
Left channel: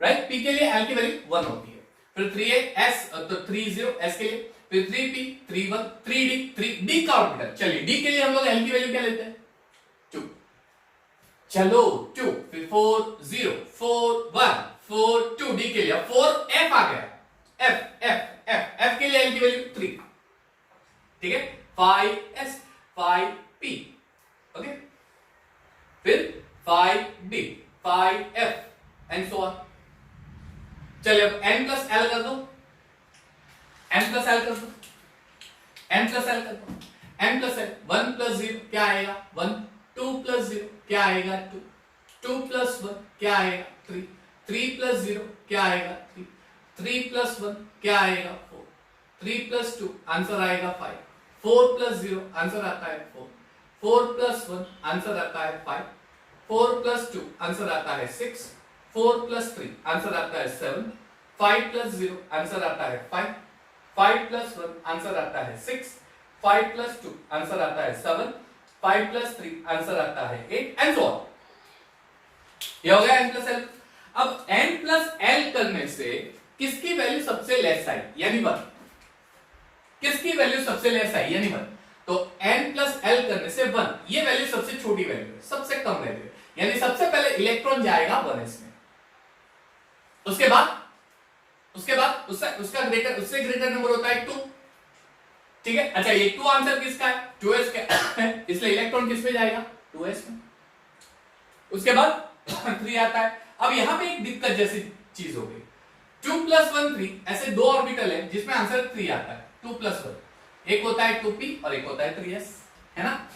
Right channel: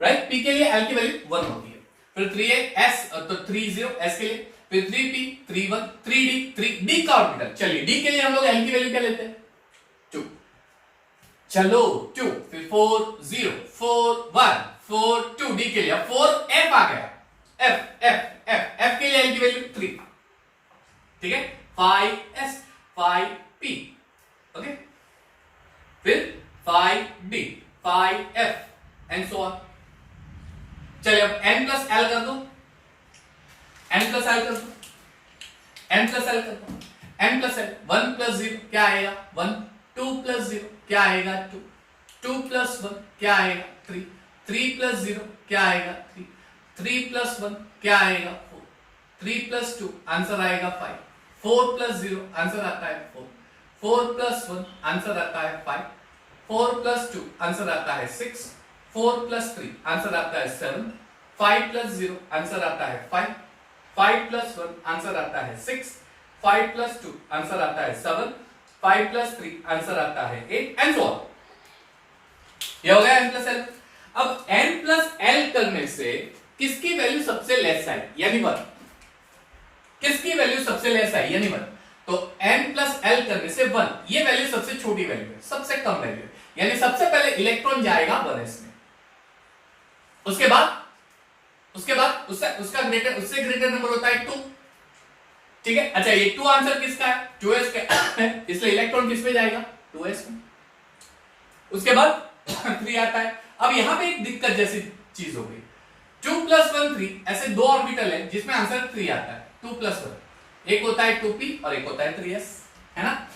राइट? p के लिए l की वैल्यू 1 होती है। फिर 3 है s, तो 3 0 s के लिए, फिर 3p 3 1, 3d 3d का ऑर्बिटल। चलिए d के लिए हम लोग l की वैल्यू क्या लेते हैं? 2। चलो 2, फिर 4 0 4 1 4 2, d के लिए 4 f आ गया, f के लिए l की वैल्यू 3। ठीक है, 5s 5p, ओके, फिर 5d 5f and so on. चलिए अब n प्लस l कर दो, n प्लस l कर दो, n प्लस l कर दो, n प्लस l, 1 प्लस 0 क्या आएगा? 1, 2 प्लस 0 क्या आएगा? 2, 2 प्लस 1 क्या आएगा? 3, 3 प्लस 0 क्या आएगा? 3, 3 प्लस 1 क्या आएगा? 4, 3 प्लस 2 आंसर आएगा 5, 4 प्लस 0 आंसर आता है 4, 4 प्लस 1 आंसर आता है 5, 4 प्लस 2 आंसर आता है 6, 4 प्लस 3 आंसर आता है 7, 5 प्लस 0 आंसर आता है 5, 5 प्लस 1 आंसर आता है 6, 5 प्लस 2 आंसर आता है 7, 5 प्लस 3 आंसर आता है 8 एंड सो ऑन। ये हो गया n प्लस l। अब n प्लस l करने से किसकी वैल्यू सबसे लेस आई यानी 1? किसकी वैल्यू सबसे लेस आई यानी 1? तो n प्लस l करने से 1, ये वैल्यू सबसे छोटी वैल्यू है, सबसे कम वैल्यू है, यानी सबसे पहले इलेक्ट्रॉन जाएगा 1s में, उसके बाद उसका ग्रेटर, उससे ग्रेटर नंबर होता है 2। ठीक है, अच्छा ये 2 आंसर किसका है? 2s का, इसलिए इलेक्ट्रॉन किस पे जाएगा? 2s में। उसके बाद 3 आता है। अब यहां पे एक दिक्कत जैसी चीज हो गई, 2 प्लस 1 3, ऐसे 2 ऑर्बिटल है जिसमें आंसर 3 आता है, 2 प्लस 1, एक होता है 2p और एक होता है 3s, है ना?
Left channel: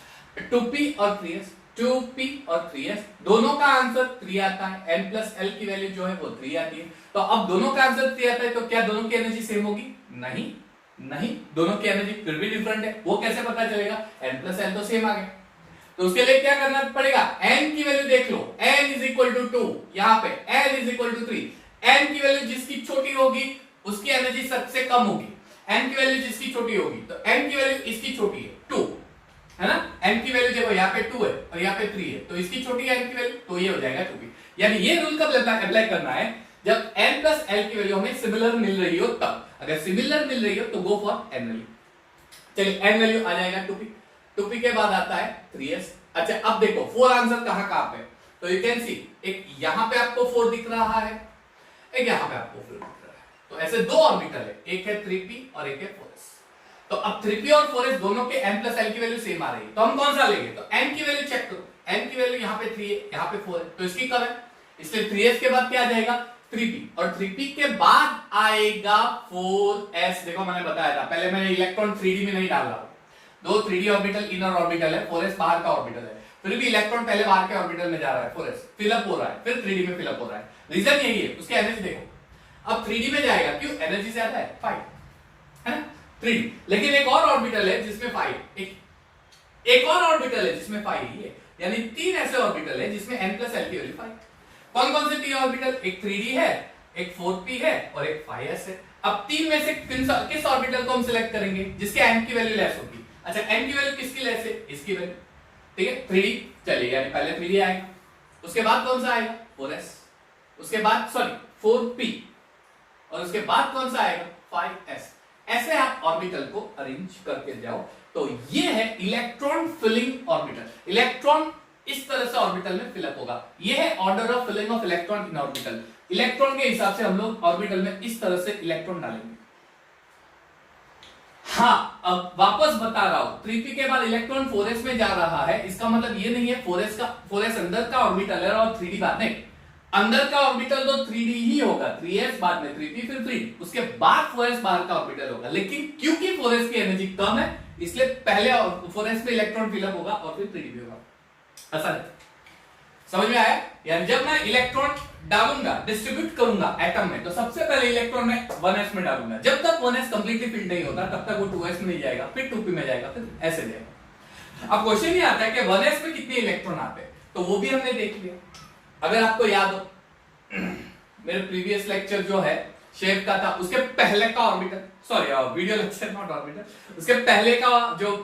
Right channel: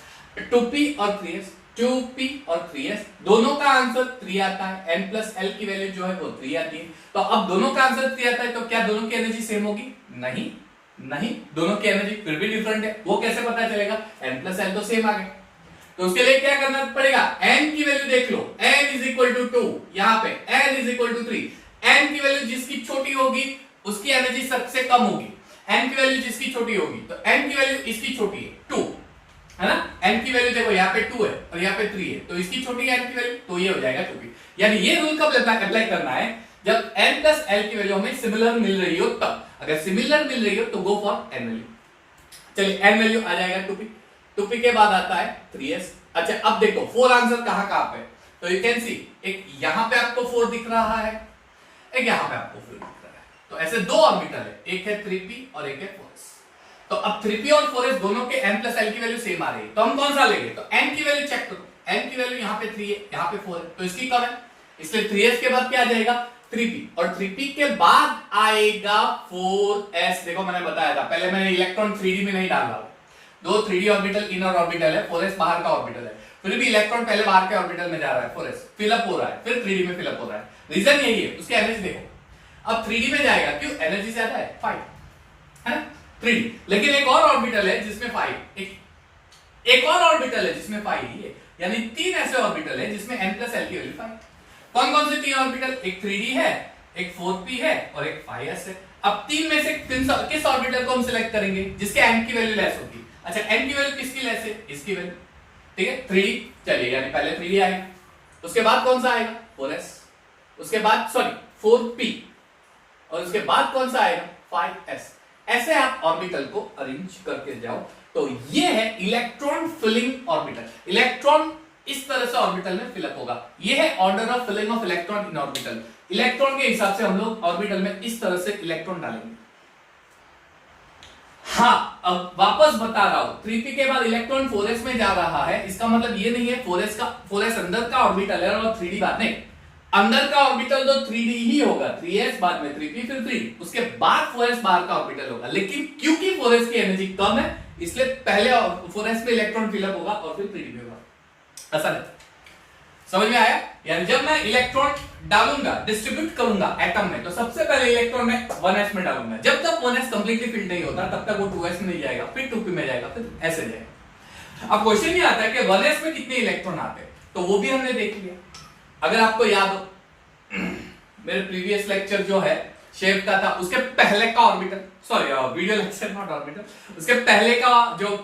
2p और 3s, 2p और 3s, दोनों का आंसर 3 आता है। n प्लस l की वैल्यू जो है वो 3 आती है। तो अब दोनों का आंसर 3 आता है, तो क्या दोनों की एनर्जी सेम होगी? नहीं, दोनों की एनर्जी फिर भी डिफरेंट है। वो कैसे पता चलेगा? n प्लस l तो सेम आ गए, तो उसके लिए क्या करना पड़ेगा? n की वैल्यू देख लो, n इज इक्वल टू 2, यहां पे n is equal to 3, n की वैल्यू जिसकी छोटी होगी उसकी एनर्जी सबसे कम होगी, n की वैल्यू जिसकी छोटी होगी, तो n की वैल्यू इसकी छोटी है 2, है ना? n की वैल्यू देखो यहाँ पे 2 है और यहाँ पे 3 है, तो इसकी छोटी है n की वैल्यू, तो ये हो जाएगा 2p। यानी ये रूल कब अप्लाई करना है? जब n प्लस l की वैल्यू हमें सिमिलर मिल रही हो तब। अगर सिमिलर मिल रही हो तो गो फॉर n वैल्यू। चलिए n वैल्यू आ जाएगा 2p, 2p के बाद आता है 3s। अच्छा अब देखो 4 आंसर कहां कहां पे, तो यू कैन सी, एक यहां पे आपको 4 दिख रहा है, एक यहां पे आपको 4 दिख रहा है, तो ऐसे 2 ऑर्बिटल है, एक है 3p और एक है 4s। तो अब 3p और 4s दोनों के n प्लस l की वैल्यू सेम आ रही है, तो हम कौन सा लेंगे? तो n की वैल्यू चेक करो, n की वैल्यू यहां पे 3 है, यहां पे 4 है, तो इसकी कम है, इसलिए 3s के बाद क्या आ जाएगा? 3p, और 3p के बाद आएगा 4s। देखो मैंने बताया था, पहले मैंने इलेक्ट्रॉन 3d में नहीं डाल रहा, 2 3d ऑर्बिटल इनर ऑर्बिटल है, 4s बाहर का ऑर्बिटल है, फिर भी इलेक्ट्रॉन पहले बाहर के ऑर्बिटल में जा रहा है, 4s फिलअप हो रहा है, फिर 3d में फिलअप हो रहा है। रीजन यही है, उसके एनर्जी देखो, अब 3d में जाएगा, क्यों? एनर्जी ज्यादा है 5, है ना? 3d, लेकिन एक और ऑर्बिटल है जिसमें 5, एक और ऑर्बिटल है जिसमें 5 ही है, यानी 3 ऐसे ऑर्बिटल है जिसमें n प्लस l की वैल्यू 5। कौन कौन से 3 ऑर्बिटल? एक 3d है, एक 4p है और एक 5s है। अब 3 में से किस ऑर्बिटल को हम सिलेक्ट करेंगे जिसके n की वैल्यू लेस होगी? अच्छा n की वैल्यू किसकी लेस है? इसकी वैल्यू, ठीक है 3D चलिए, यानी पहले 3D आएगा, उसके बाद कौन सा आएगा 4s, उसके बाद सॉरी 4p, और उसके बाद कौन सा आएगा 5s। ऐसे आप ऑर्बिटल को अरेंज करके जाओ। तो ये है इलेक्ट्रॉन फिलिंग ऑर्बिटल। इलेक्ट्रॉन इस तरह से ऑर्बिटल में फिलअप होगा। ये है order of filling of electron in orbital. Electron के हिसाब से हम लोग ऑर्बिटल में इस तरह से इलेक्ट्रॉन डालेंगे। हाँ, अब वापस बता रहा हूं, 3p के बाद इलेक्ट्रॉन 4s में जा रहा है, इसका मतलब ये नहीं है 4s अंदर का ऑर्बिटल है और 3d बाद नहीं। अंदर का ऑर्बिटल तो 3d ही होगा, 3s बाद में 3p फिर 3d, उसके बाद 4s बाहर का ऑर्बिटल होगा। लेकिन क्योंकि 4s की एनर्जी कम है, इसलिए पहले 4s में इलेक्ट्रॉन फिलअप होगा और फिर 3d में होगा। ऐसा है, समझ में आया? यानी जब मैं इलेक्ट्रॉन डालूंगा, डिस्ट्रीब्यूट करूंगा एटम में, तो सबसे पहले इलेक्ट्रॉन में 1s में डालूंगा। जब तक 1s कंप्लीटली फिल्ड नहीं होता तब तक वो 2s में नहीं जाएगा, फिर 2p में जाएगा, फिर ऐसे जाएगा। अब क्वेश्चन ये आता है कि 1s में कितने इलेक्ट्रॉन आते हैं, तो वो भी हमने देख लिया। अगर आपको याद हो, मेरे प्रीवियस लेक्चर जो है शेप का था, उसके पहले का orbital, sorry video lecture not orbital, उसके पहले का जो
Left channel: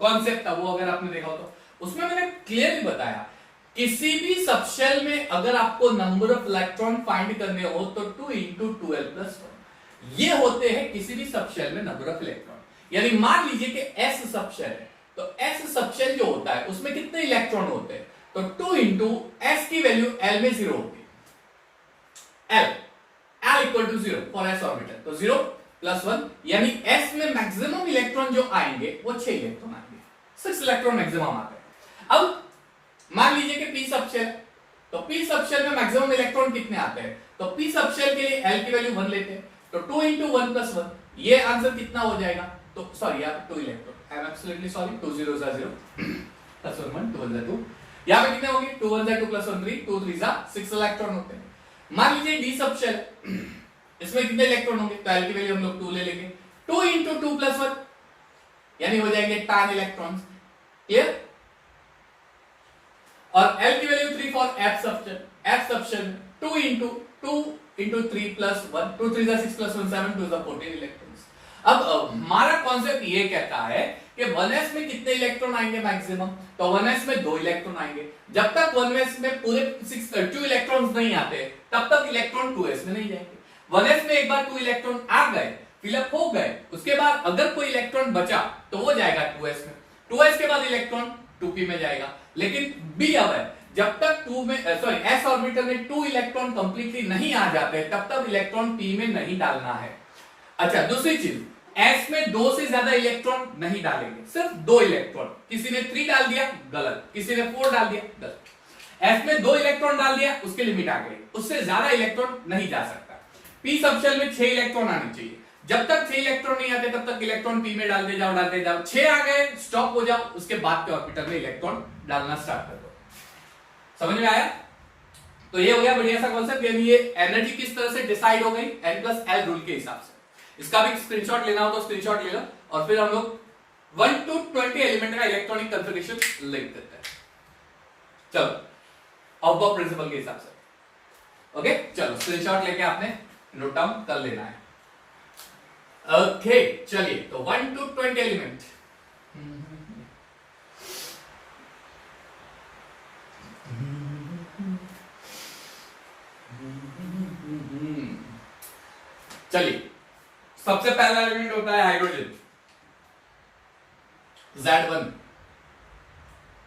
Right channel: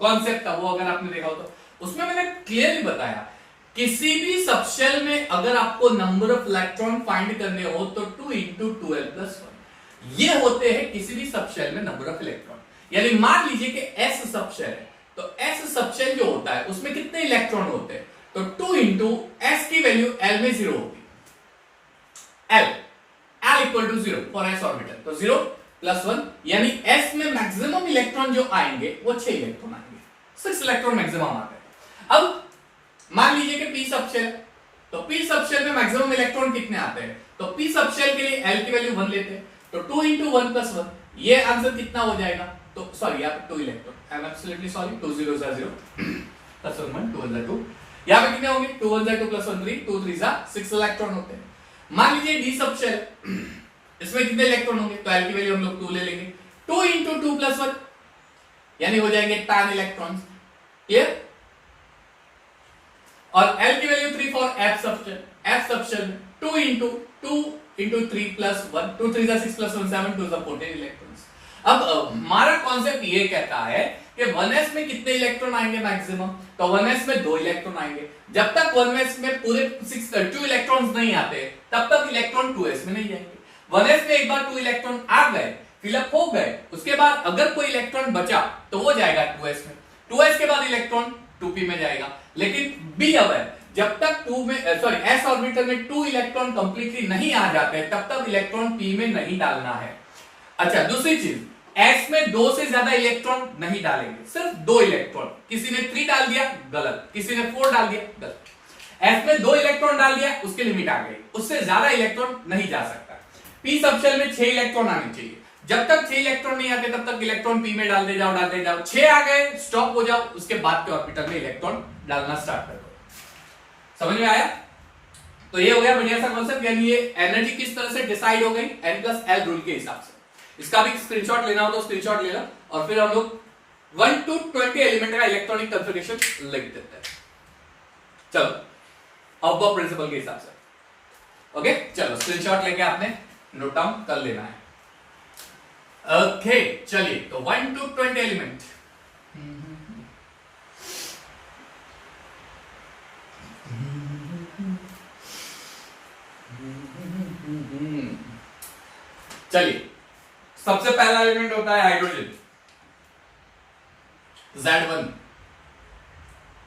कॉन्सेप्ट था वो अगर आपने देखा हो तो उसमें मैंने क्लियरली बताया, किसी भी सबशेल में अगर आपको नंबर ऑफ इलेक्ट्रॉन फाइंड करने हो तो 2 इंटू 2l+1 ये होते हैं किसी भी सबशेल में नंबर ऑफ इलेक्ट्रॉन। यानी मान लीजिए कि s सबशेल है, तो s सबशेल जो होता है उसमें कितने इलेक्ट्रॉन होते हैं, तो 2 इंटू s की वैल्यू l में 0 होती है, l equal to 0 for s orbital, तो 0+1 यानी s में मैक्सिमम इलेक्ट्रॉन जो आएंगे वो 6 इलेक्ट्रॉन आएंगे, 6 इलेक्ट्रॉन मैक्सिमम आते हैं। अब मान लीजिए कि p सबशेल, तो p सबशेल में मैक्सिमम इलेक्ट्रॉन कितने आते हैं, तो p सबशेल के लिए l की वैल्यू 1 लेते हैं, तो 2 इंटू 1+1 ये आंसर कितना हो जाएगा, तो सॉरी यहाँ पे 2 electron, I am absolutely sorry, 2 0 0 plus 1 1 2 1 2, यहाँ पे कितने होंगे 2 1 2 प्लस 1 3 2 3 6 इलेक्ट्रॉन होते हैं। मान लीजिए d सबशेल, इसमें कितने इलेक्ट्रॉन होंगे, तो l की वैल्यू हम लोग 2 ले लेंगे, 2 इंटू 2+1 यानी हो जाएंगे 10 इलेक्ट्रॉन्स, क्लियर। और L की value 3 for F subshell 2 into 3 plus 1, 2 3 6 plus 1 7 2 14 electrons. अब हमारा कॉन्सेप्ट ये कहता है कि 1s में कितने इलेक्ट्रॉन आएंगे मैक्सिमम, तो 1s में 2 इलेक्ट्रॉन आएंगे। जब तक 1s में पूरे 2 इलेक्ट्रॉन्स नहीं आते तब तक इलेक्ट्रॉन 2s में नहीं जाएंगे। 1s में एक बार 2 इलेक्ट्रॉन आ गए, फिलअप हो गए, उसके बाद अगर कोई इलेक्ट्रॉन बचा तो वो जाएगा 2s में, 2s के बाद इलेक्ट्रॉन 2p में जाएगा। लेकिन बी अवेयर, जब तक s ऑर्बिटल में 2 इलेक्ट्रॉन कंप्लीटली नहीं आ जाते तब तक इलेक्ट्रॉन p में नहीं डालना है। अच्छा, दूसरी चीज, s में 2 से ज्यादा इलेक्ट्रॉन नहीं डालेंगे, सिर्फ 2 इलेक्ट्रॉन। किसी ने 3 डाल दिया गलत, किसी ने 4 डाल दिया गलत। s में 2 इलेक्ट्रॉन डाल दिया, उसकी लिमिट आ गई, उससे ज्यादा इलेक्ट्रॉन नहीं जा सकता। p सबशेल में 6 इलेक्ट्रॉन आने चाहिए, जब तक 6 इलेक्ट्रॉन नहीं आते तब तक इलेक्ट्रॉन p में डालते जाओ, 6 आ गए स्टॉप हो जाओ, उसके बाद के ऑर्बिटल में इलेक्ट्रॉन डालना स्टार्ट कर दो। समझ में आया? तो ये हो गया बढ़िया सा कॉन्सेप्ट, यानी ये एनर्जी किस तरह से डिसाइड हो गई n+l रूल के हिसाब से। इसका भी स्क्रीनशॉट लेना हो तो स्क्रीनशॉट ले लो, और फिर हम लोग 1 to 20 एलिमेंट का इलेक्ट्रॉनिक कन्फिगरेशन लिख देते हैं। चलो अब प्रिंसिपल के हिसाब से, ओके चलो स्क्रीनशॉट लेके आपने नोट डाउन कर लेना है। ओके चलिए, तो 1 to 20 एलिमेंट, चलिए सबसे पहला एलिमेंट होता है हाइड्रोजन, Z1।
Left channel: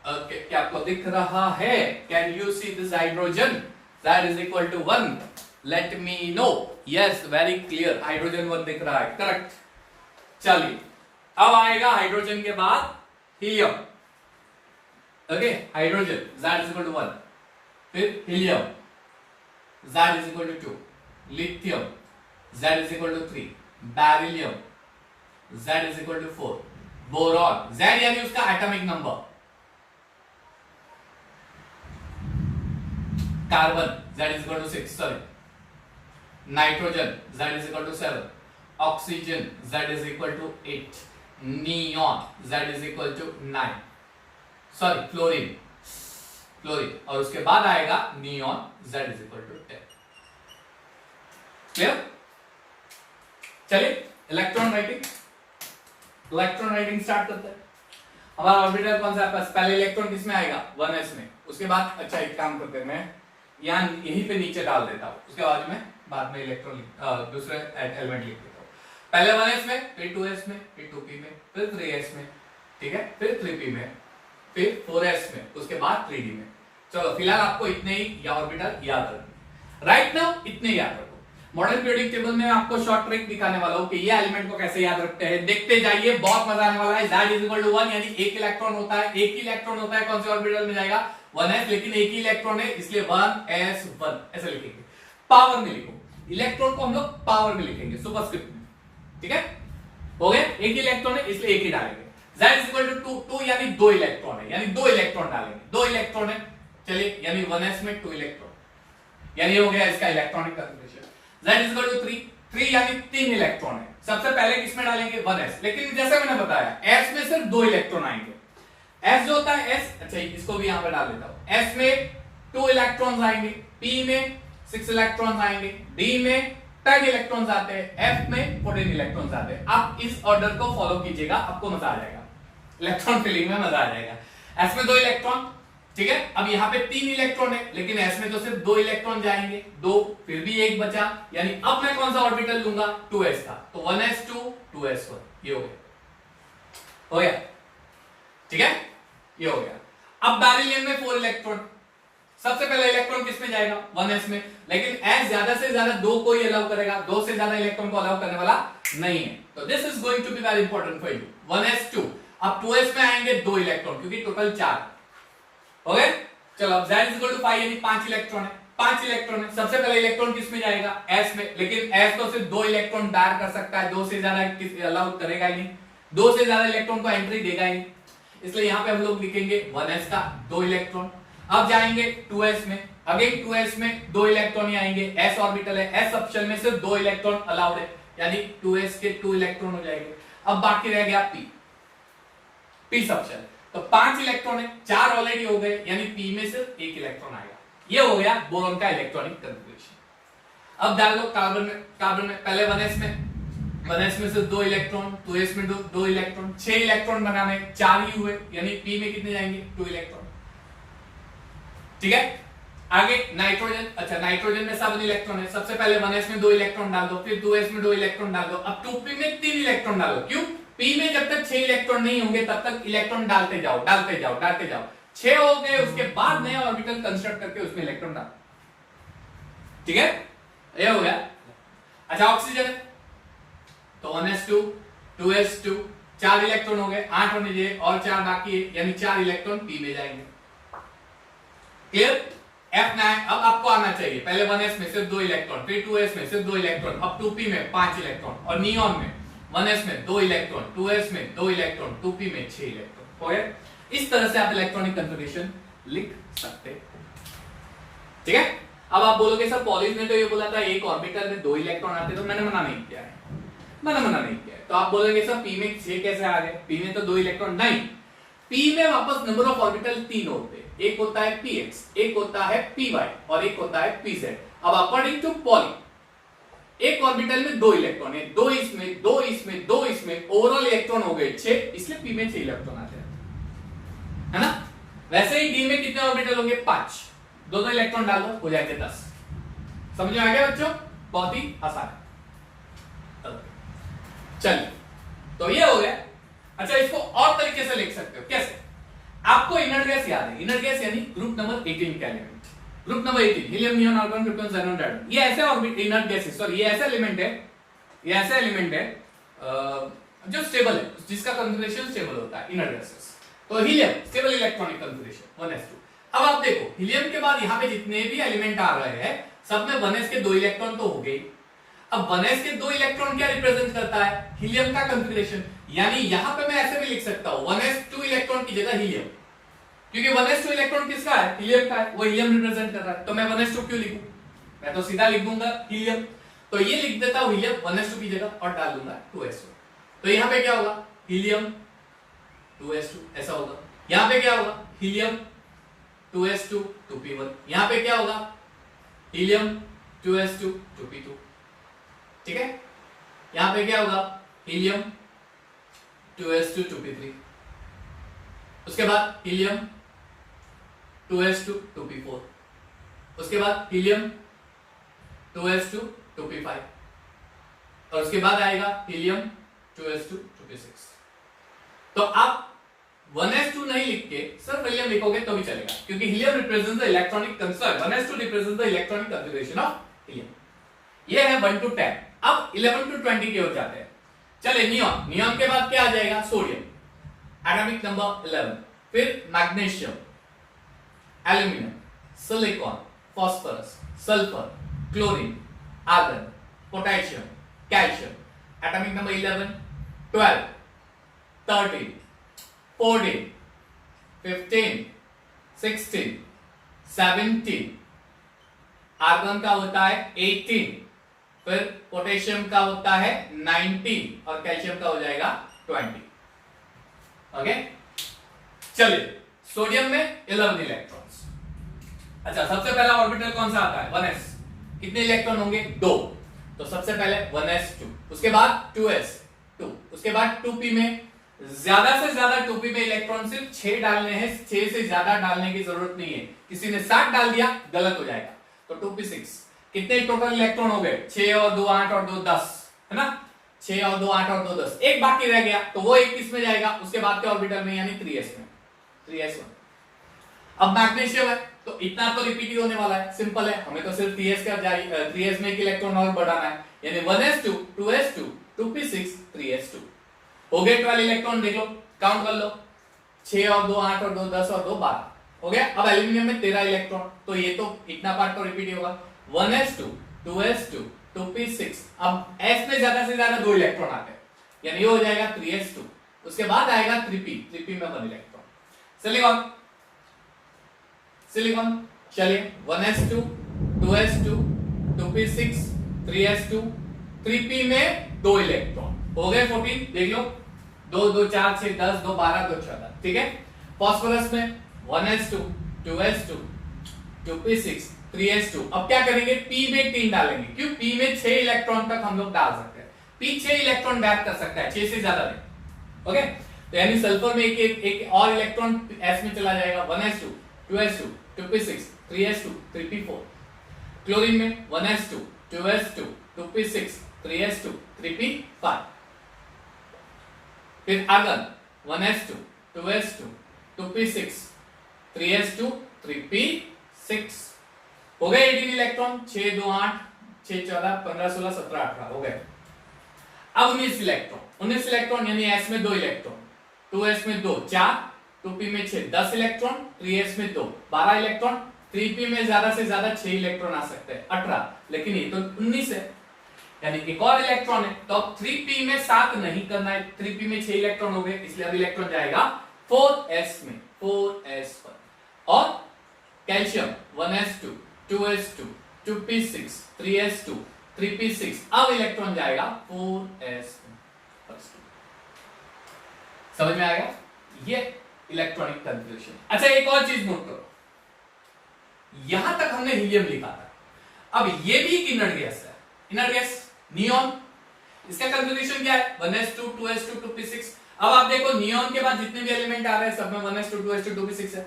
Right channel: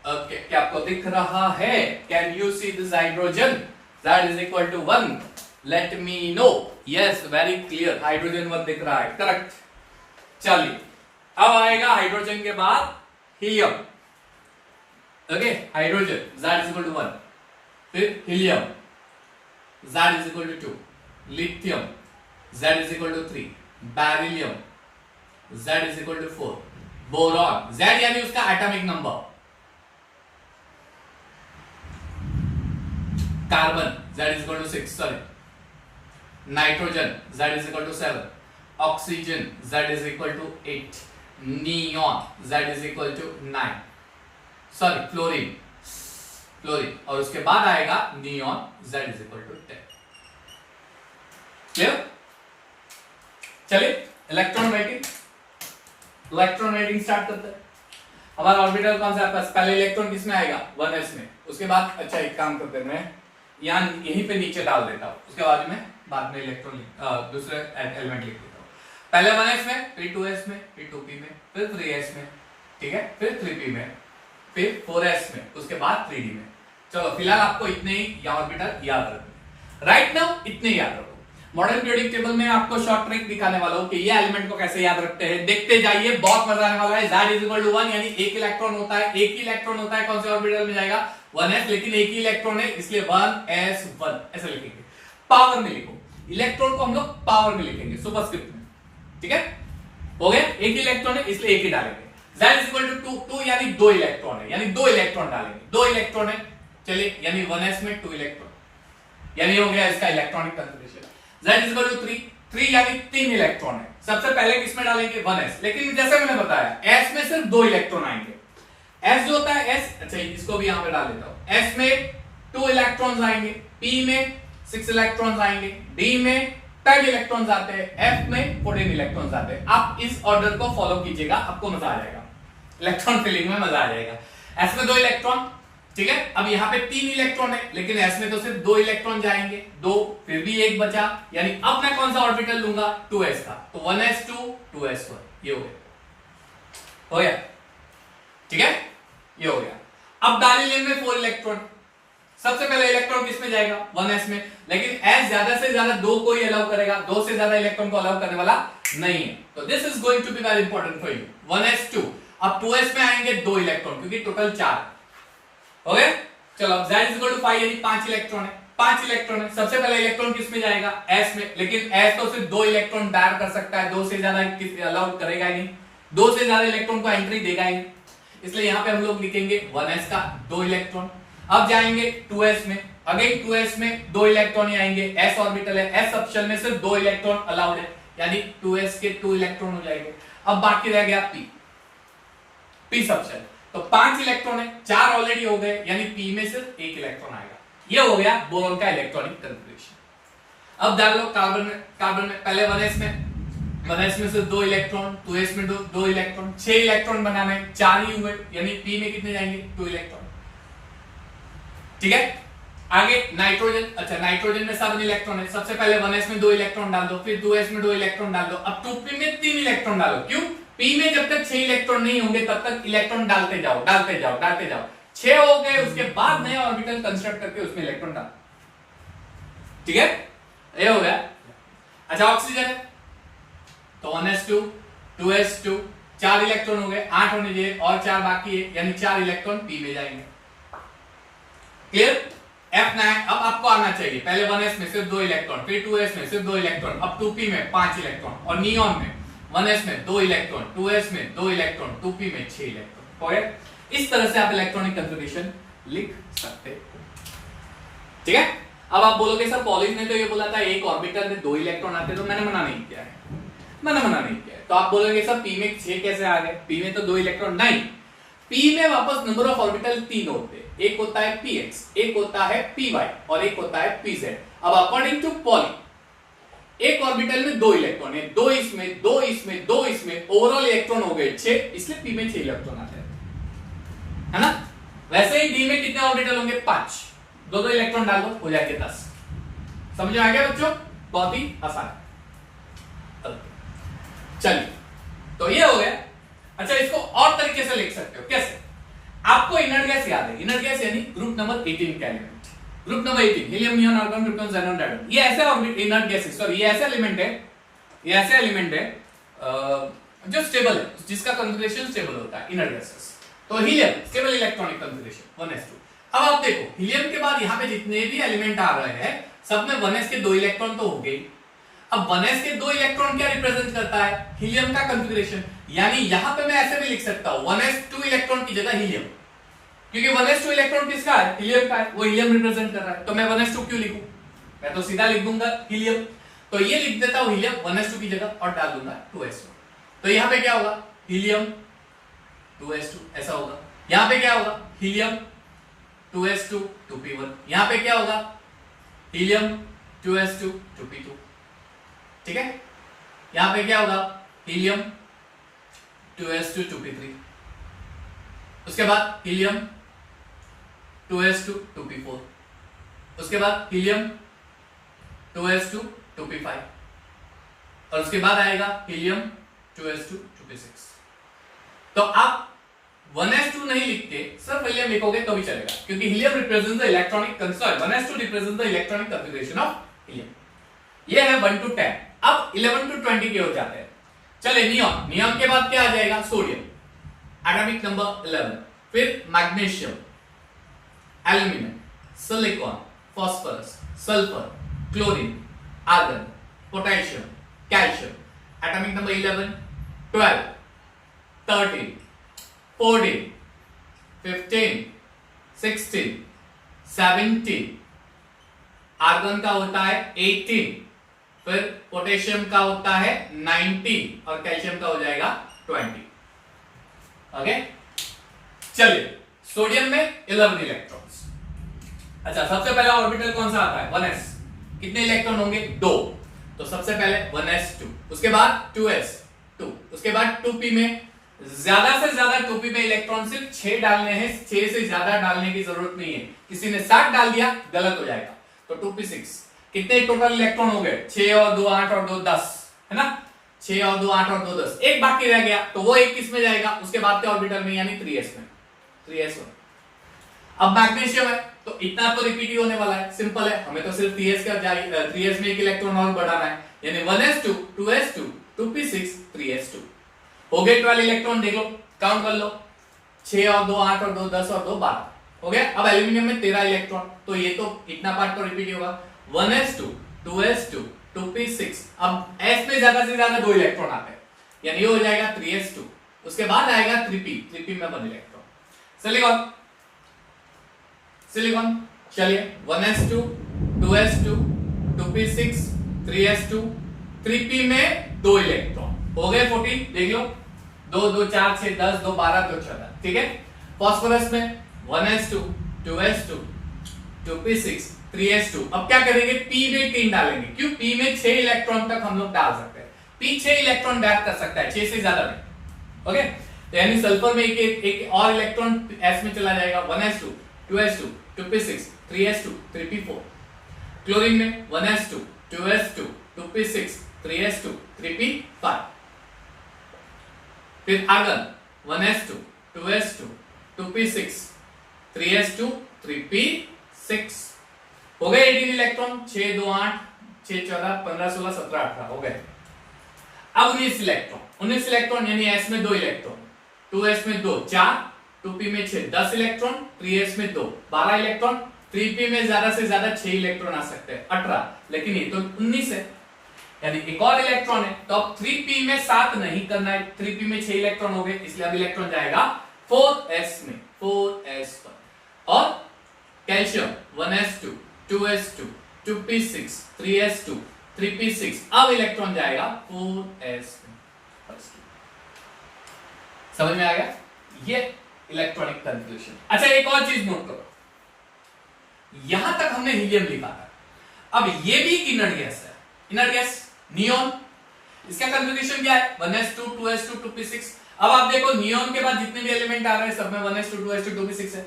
ओके, क्या आपको दिख रहा है? Can you see this hydrogen? Z is equal to 1, let me know. Yes, very clear, hydrogen 1 दिख रहा है, करेक्ट। चलिए अब आएगा हाइड्रोजन के बाद helium. Okay, hydrogen Z is equal to 1, फिर helium Z is equal to 2, lithium Z is equal to 3, beryllium Z is equal to 4, boron Z यानी उसका atomic number, carbon Z is equal to 6, sorry, nitrogen Z is equal to 7, oxygen Z is equal to 8, neon Z is equal to 9, sorry fluorine, और उसके बाद आएगा neon Z is equal to 10। Clear? चलिए इलेक्ट्रॉन राइटिंग स्टार्ट करते हैं। हमारा ऑर्बिटल कौन सा है पास? पहले इलेक्ट्रॉन किस में आएगा? 1s में। उसके बाद अच्छा एक काम करते हैं, मैं यहाँ यहीं पे नीचे डाल देता हूँ, उसके बाद में इलेक्ट्रॉन दूसरे एलिमेंट लिख देता हूँ। पहले 1s में, फिर 2s में, फिर 2p में, फिर 3s में, ठीक है, फिर 3p में, फिर 4s में, उसके बाद 3d में। चलो फिलहाल आपको इतने ही ऑर्बिटल याद रखने, राइट नाउ इतने याद रखो। मॉडर्न पीरियोडिक टेबल में आपको शॉर्ट ट्रिक दिखाने वाला हूं कि ये एलिमेंट को कैसे याद रखते हैं, देखते जाइए, बहुत मजा आने वाला है। Z=1 यानी एक इलेक्ट्रॉन होता है, एक ही इलेक्ट्रॉन होता है, कौन से ऑर्बिटल में जाएगा? 1s, लेकिन एक ही इलेक्ट्रॉन है इसलिए 1s1 ऐसे लिखेंगे। पावर में लिखो, इलेक्ट्रॉन को हम लोग पावर में लिखेंगे सुपरस्क्रिप्ट में, ठीक है, हो गया। एक ही इलेक्ट्रॉन है इसलिए एक ही डालेंगे। Z=2 यानी दो इलेक्ट्रॉन है, यानी दो इलेक्ट्रॉन डालेंगे, दो इलेक्ट्रॉन है, चलिए, यानी 1s में 2 इलेक्ट्रॉन, यानी हो गया इसका इलेक्ट्रॉनिक कंफिगरेशन। Z=3 यानी 3 इलेक्ट्रॉन है, सबसे पहले किसमें डालेंगे? 1s, लेकिन जैसे मैंने बताया s में सिर्फ 2 इलेक्ट्रॉन आएंगे। s जो होता है s, अच्छा इसको भी यहां पे डाल देता हूं, s में 2 इलेक्ट्रॉन्स आएंगे, p में 6 इलेक्ट्रॉन्स आएंगे, d में 10 इलेक्ट्रॉन्स आते हैं, f में 14 इलेक्ट्रॉन्स आते हैं। आप इस ऑर्डर को फॉलो कीजिएगा, आपको मजा आ जाएगा, इलेक्ट्रॉन फिलिंग में मजा आ जाएगा। s में 2 इलेक्ट्रॉन, ठीक है, अब यहाँ पे 3 इलेक्ट्रॉन है, लेकिन s में तो सिर्फ 2 इलेक्ट्रॉन जाएंगे, 2 फिर भी एक बचा, यानी अब मैं कौन सा ऑर्बिटल लूंगा? 2s का, तो 1s2 2s1, ये हो गया, ठीक है, ये हो गया। अब डायलिन में 4 इलेक्ट्रॉन, सबसे पहले इलेक्ट्रॉन किस में जाएगा? 1s में, लेकिन s ज्यादा से ज्यादा 2 को ही अलाउ करेगा, 2 से ज्यादा इलेक्ट्रॉन को अलाउ करने वाला नहीं है, तो this is going to be very important for you. 1s2, अब 2s में आएंगे 2 इलेक्ट्रॉन, क्योंकि टोटल 4 हो गए। चलो अब Z=5 यानी 5 इलेक्ट्रॉन है, 5 इलेक्ट्रॉन है, सबसे पहले इलेक्ट्रॉन किस में जाएगा? s में, लेकिन s तो सिर्फ 2 इलेक्ट्रॉन दायर कर सकता है, 2 से ज्यादा अलाउ करेगा ही नहीं, 2 से ज्यादा इलेक्ट्रॉन को एंट्री देगा ही नहीं, इसलिए यहां पे हम लोग लिखेंगे 1s का 2 इलेक्ट्रॉन। अब जाएंगे 2s में, अगेन 2s में 2 इलेक्ट्रॉन ही आएंगे, s ऑर्बिटल है, s सबशेल में सिर्फ 2 इलेक्ट्रॉन अलाउड है, यानी 2s के 2 इलेक्ट्रॉन हो जाएंगे। अब बाकी रह गया p सबशेल, तो 5 इलेक्ट्रॉन है, 4 ऑलरेडी हो गए, यानी p में सिर्फ 1 इलेक्ट्रॉन आएगा। ये हो गया बोरॉन का इलेक्ट्रॉनिक कन्फिगरेशन। अब डाल लो कार्बन में पहले 1s में सिर्फ 2 इलेक्ट्रॉन, 2s में 2 इलेक्ट्रॉन, 6 इलेक्ट्रॉन बनाने, 4 ही हुए, यानी p में कितने जाएंगे? 2 इलेक्ट्रॉन, ठीक है। आगे नाइट्रोजन, अच्छा नाइट्रोजन में 7 इलेक्ट्रॉन है, सबसे पहले 1s में 2 इलेक्ट्रॉन डाल दो, फिर 2s में 2 इलेक्ट्रॉन डाल दो, अब 2p में 3 इलेक्ट्रॉन डालो, क्यों? p में जब तक 6 इलेक्ट्रॉन नहीं होंगे तब तक इलेक्ट्रॉन डालते जाओ, 6 हो गए, उसके बाद नए ऑर्बिटल कंस्ट्रक्ट करके उसमें इलेक्ट्रॉन डाल, ठीक है, ये हो गया। अच्छा ऑक्सीजन है, तो 1s2 2s2 4 इलेक्ट्रॉन हो गए, 8 होने चाहिए और 4 बाकी है, यानी 4 इलेक्ट्रॉन p में जाएंगे, क्लियर। F9, अब आपको आना चाहिए, पहले 1s में सिर्फ 2 इलेक्ट्रॉन, फिर 2s में सिर्फ 2 इलेक्ट्रॉन, अब 2p में 5 इलेक्ट्रॉन, और नियॉन में 1s में 2 इलेक्ट्रॉन, 2s में 2 इलेक्ट्रॉन, 2p में 6 इलेक्ट्रॉन, हो गया। इस तरह से आप इलेक्ट्रॉनिक कन्फिगरेशन लिख सकते हो, ठीक है। अब आप बोलोगे सर पॉलिश ने तो ये बोला था एक ऑर्बिटल में 2 इलेक्ट्रॉन आते, तो मैंने मना नहीं किया है, तो आप बोलोगे सर p में 6 कैसे आ गए? p में तो 2 इलेक्ट्रॉन नहीं, p में वापस नंबर ऑफ ऑर्बिटल 3 होते हैं, एक होता है px, एक होता है py और एक होता है pz। अब अकॉर्डिंग टू पॉली एक ऑर्बिटल में 2 इलेक्ट्रॉन है, 2 इसमें 2 इसमें 2 इसमें, ओवरऑल इलेक्ट्रॉन हो गए 6, इसलिए p में 6 इलेक्ट्रॉन आते हैं, है ना। वैसे ही d में कितने ऑर्बिटल होंगे? 5, 2 इलेक्ट्रॉन डाल दो, हो जाएंगे 10। समझ में आ गया बच्चों? बहुत ही आसान। चलिए, तो ये हो गया। अच्छा इसको और तरीके से लिख सकते हो, कैसे? आपको इनर्ट गैस याद है, इनर्ट गैस यानी ग्रुप नंबर 18 का एलिमेंट, group number 18 helium, neon, argon, krypton, xenon, radon, ये ऐसे ऑर्बिट इनर्ट गैसेस, सॉरी ये ऐसा एलिमेंट है जो स्टेबल है, जिसका कॉन्फ़िगरेशन स्टेबल होता है, इनर्ट गैसेस। तो helium stable electronic configuration 1s2। अब आप देखो हीलियम के बाद यहां पे जितने भी एलिमेंट आ रहे हैं सब में 1s के 2 इलेक्ट्रॉन तो हो गए। अब 1s के 2 इलेक्ट्रॉन क्या रिप्रेजेंट करता है? हीलियम का कॉन्फ़िगरेशन, यानी यहां पे मैं ऐसे भी लिख सकता हूं 1s 2 इलेक्ट्रॉन की जगह हीलियम, क्योंकि 1s 2 इलेक्ट्रॉन किसका है? हीलियम का है, वो हीलियम रिप्रेजेंट कर रहा है, तो मैं 1s 2 क्यों लिखूं? मैं तो सीधा लिख दूंगा हीलियम, तो ये लिख देता हूं हीलियम 1s 2 की जगह और डाल दूंगा 2s 2। तो यहां पे क्या होगा? हीलियम 2s 2 ऐसा होगा। यहां पे क्या होगा? Helium 2s 2 2p1। यहां पे क्या होगा? हीलियम 2s 2 2p2, ठीक है। यहां पे क्या होगा? हीलियम 2s 2 2p3, उसके बाद हीलियम 2s2 2p4, उसके बाद हीलियम 2s2 2p5, और उसके बाद आएगा हीलियम 2s2 2p6। तो आप 1s2 नहीं लिख के सिर्फ हीलियम लिखोगे तो भी चलेगा, क्योंकि helium represents the electronic concern, 1s2 represents the electronic configuration of helium. ये है 1 to 10। अब 11 to 20 की ओर जाते हैं। चले नियॉन, नियॉन के बाद क्या आ जाएगा? सोडियम, एटॉमिक नंबर 11, फिर magnesium, aluminium, silicon, phosphorus, sulphur, chlorine, argon, potassium, calcium, atomic number 11, 12, 13, 14, 15, 16, 17, argon का होता है 18, फिर पोटेशियम का होता है 19 और कैल्शियम का हो जाएगा 20। ओके, चलिए सोडियम में 11 इलेक्ट्रॉन्स। अच्छा, सबसे पहला ऑर्बिटल कौन सा आता है? 1s। कितने इलेक्ट्रॉन होंगे? 2। तो सबसे पहले 1s2, उसके बाद 2s2, उसके बाद 2p में ज्यादा से ज्यादा 2p में इलेक्ट्रॉन सिर्फ 6 डालने हैं, 6 से ज्यादा डालने की जरूरत नहीं है। किसी ने 7 डाल दिया, गलत हो जाएगा। तो 2p6 कितने टोटल इलेक्ट्रॉन हो गए? 6 और 2 8 और 2 10, है ना? 6 और 2 8 और 2 10, एक बाकी रह गया, तो वो एक किस में जाएगा? उसके बाद के ऑर्बिटल में, यानी 3s में, 3s1। अब मैग्नीशियम है तो इतना तो रिपीट ही होने वाला है, सिंपल है, हमें तो सिर्फ 3s में एक इलेक्ट्रॉन और बढ़ाना है, यानी 1s2 2s2 2p6 3s2 हो गए 12 इलेक्ट्रॉन। देख लो, काउंट कर लो, 6 और 2 8 और 2 10 और 2 12 हो गया। अब एल्यूमिनियम में 13 इलेक्ट्रॉन, तो ये तो इतना पार्ट तो रिपीट होगा। 1s2 2s2 2p6, अब s में ज्यादा से ज्यादा 2 इलेक्ट्रॉन आते हैं, यानी ये हो जाएगा 3s2। उसके बाद आएगा 3p में 1 इलेक्ट्रॉन। सिलिकॉन, सिलिकॉन चलिए 1s2 2s2 2p6 3s2 3p में 2 इलेक्ट्रॉन हो गए 14। देख लो, 2 2 4 6 10 2 12 2 14, ठीक है। फॉस्फोरस में 1s2 2s2 2p6 3s2। अब क्या करेंगे? p में 3 डालेंगे, क्यों? p में 6 इलेक्ट्रॉन तक हम लोग डाल सकते हैं, p 6 इलेक्ट्रॉन बैक कर सकता है, 6 से ज्यादा नहीं। ओके, तो यानी सल्फर में एक और इलेक्ट्रॉन s में चला जाएगा। 1s2 2s2 2p6 3s2 3p4। Chlorine में 1s2 2s2 2p6 3s2 3p5। फिर argon 1s2 2s2 2p6 3s2 3p6 हो गए 18 इलेक्ट्रॉन। 6 2 8 6 14 15 16 17 18 हो गए। अब 19 इलेक्ट्रॉन यानी s में 2 इलेक्ट्रॉन, 2s में 2 4, 2p में 6 10 इलेक्ट्रॉन, 3s में 2 12 इलेक्ट्रॉन, 3p में ज्यादा से ज्यादा 6 इलेक्ट्रॉन आ सकते हैं 18, लेकिन ये तो 19 है, यानी एक और इलेक्ट्रॉन है। तो अब 3p में 7 नहीं करना है, 3p में 6 इलेक्ट्रॉन हो गए, इसलिए अब इलेक्ट्रॉन जाएगा 4s में, 4s पर। और calcium 1s2 2s2 2p6 3s2 3p6, अब इलेक्ट्रॉन जाएगा 4s में। समझ में आ गया ये इलेक्ट्रॉनिक कन्फ्यूजन। अच्छा, एक और चीज नोट करो, यहां तक हमने हीलियम लिखा था, अब ये भी एक इनर्ट गैस है, इनर्ट गैस नियॉन। इसका कन्फिगरेशन क्या है? 1s2 2s2 2p6। अब आप देखो, नियॉन के बाद जितने भी एलिमेंट आ रहे हैं सब में 1s2 2s2 2p6 है,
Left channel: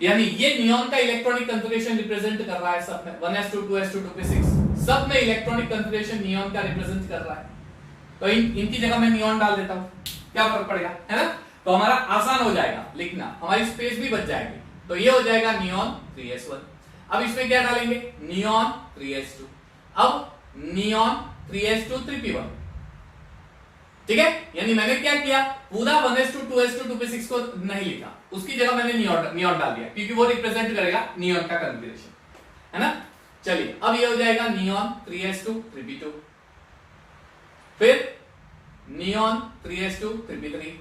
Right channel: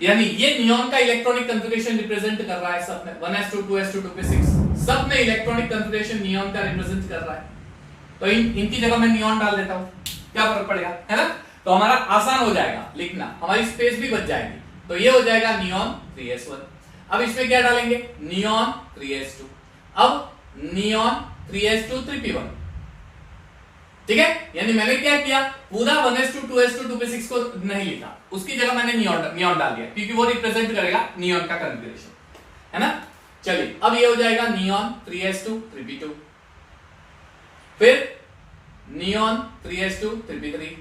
यानी ये नियॉन का इलेक्ट्रॉनिक कन्फिगरेशन रिप्रेजेंट कर रहा है सब में, 1s2 2s2 2p6 सब में इलेक्ट्रॉनिक कन्फिगरेशन नियॉन का रिप्रेजेंट कर रहा है। तो इनकी जगह मैं नियॉन डाल देता हूं, क्या फर्क पड़ेगा, है ना? तो हमारा आसान हो जाएगा लिखना, हमारी स्पेस भी बच जाएगी। तो ये हो जाएगा नियॉन 3s1। अब इसमें क्या डालेंगे? नियॉन 3s2, अब नियॉन 3s2 3p1, ठीक है। यानी मैंने क्या किया, पूरा 1s2 2s2 2p6 को नहीं लिखा, उसकी जगह मैंने नियॉन डाल दिया, क्योंकि वो रिप्रेजेंट करेगा नियॉन का कन्फिगरेशन, है ना। चलिए, अब ये हो जाएगा नियॉन 3s2 3p2, फिर नियॉन 3s2 3p3,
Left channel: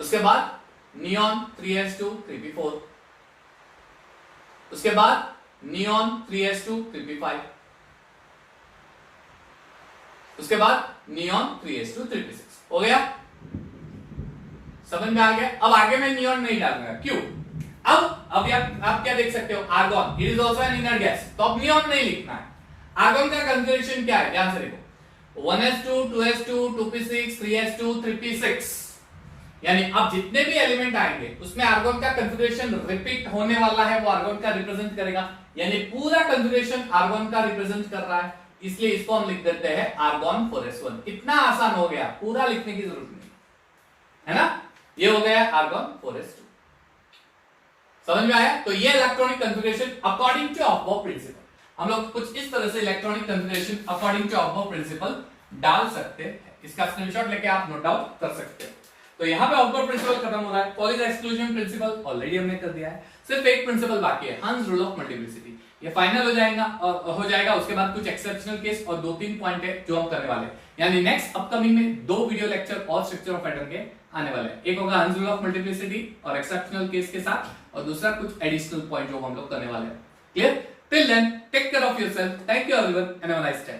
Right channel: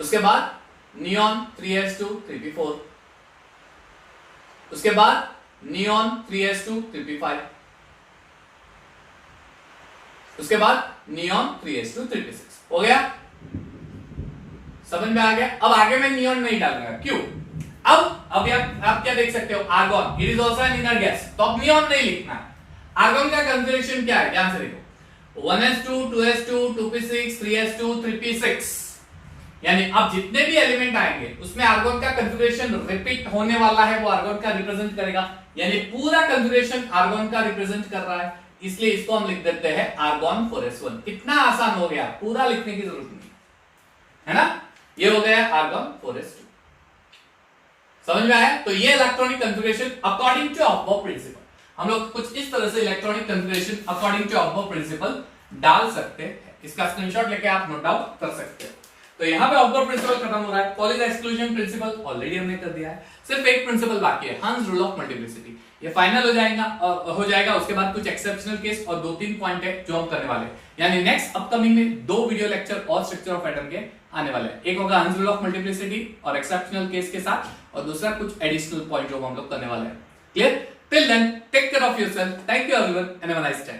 उसके बाद नियॉन 3s2 3p4, उसके बाद नियॉन 3s2 3p5, उसके बाद नियॉन 3s2 3p6 हो गया। समझ में आ गया? अब आगे मैं नियॉन नहीं डालूंगा, क्यों? अब आप क्या देख सकते हो, argon, it is also an inner gas, तो अब नियॉन नहीं लिखना है। आर्गन का कन्फिगरेशन क्या है, ध्यान से देखो, 1s2 2s2 2p6 3s2 3p6, यानी अब जितने भी एलिमेंट आएंगे उसमें आर्गोन का कंफिगरेशन रिपीट होने वाला है, वो आर्गोन का रिप्रेजेंट करेगा, यानी पूरा कंफिगरेशन आर्गोन का रिप्रेजेंट कर रहा है, इसलिए इसको हम लिख देते हैं आर्गोन 4s1। इतना आसान हो गया, पूरा लिखने की जरूरत नहीं है ना। ये हो गया आर्गोन 4s2। समझ में आया? तो ये electronic configuration according to Aufbau principle, हम लोग कुछ इस तरह से electronic configuration according to Aufbau principle डाल सकते हैं। इसका स्क्रीनशॉट लेके आप नोट डाउन कर सकते हैं। तो यहां पे अबव प्रिंसिपल खत्म हो रहा है, पॉलीज एक्सक्लूजन प्रिंसिपल ऑलरेडी हमने कर दिया है, सिर्फ एक प्रिंसिपल बाकी है, हंस रूल ऑफ मल्टीप्लिसिटी। ये फाइनल हो जाएगा। उसके बाद कुछ एक्सेप्शनल केस और 2-3 पॉइंट है जो हम करने वाले हैं, यानी नेक्स्ट अपकमिंग में 2 वीडियो लेक्चर और स्ट्रक्चर ऑफ एटम के आने वाले हैं। एक होगा हंस रूल ऑफ मल्टीप्लिसिटी और एक्सेप्शनल केस के साथ, और दूसरा कुछ एडिशनल पॉइंट जो हम लोग करने वाले हैं। Clear? Till then take care of yourself, thank you everyone and have a nice time.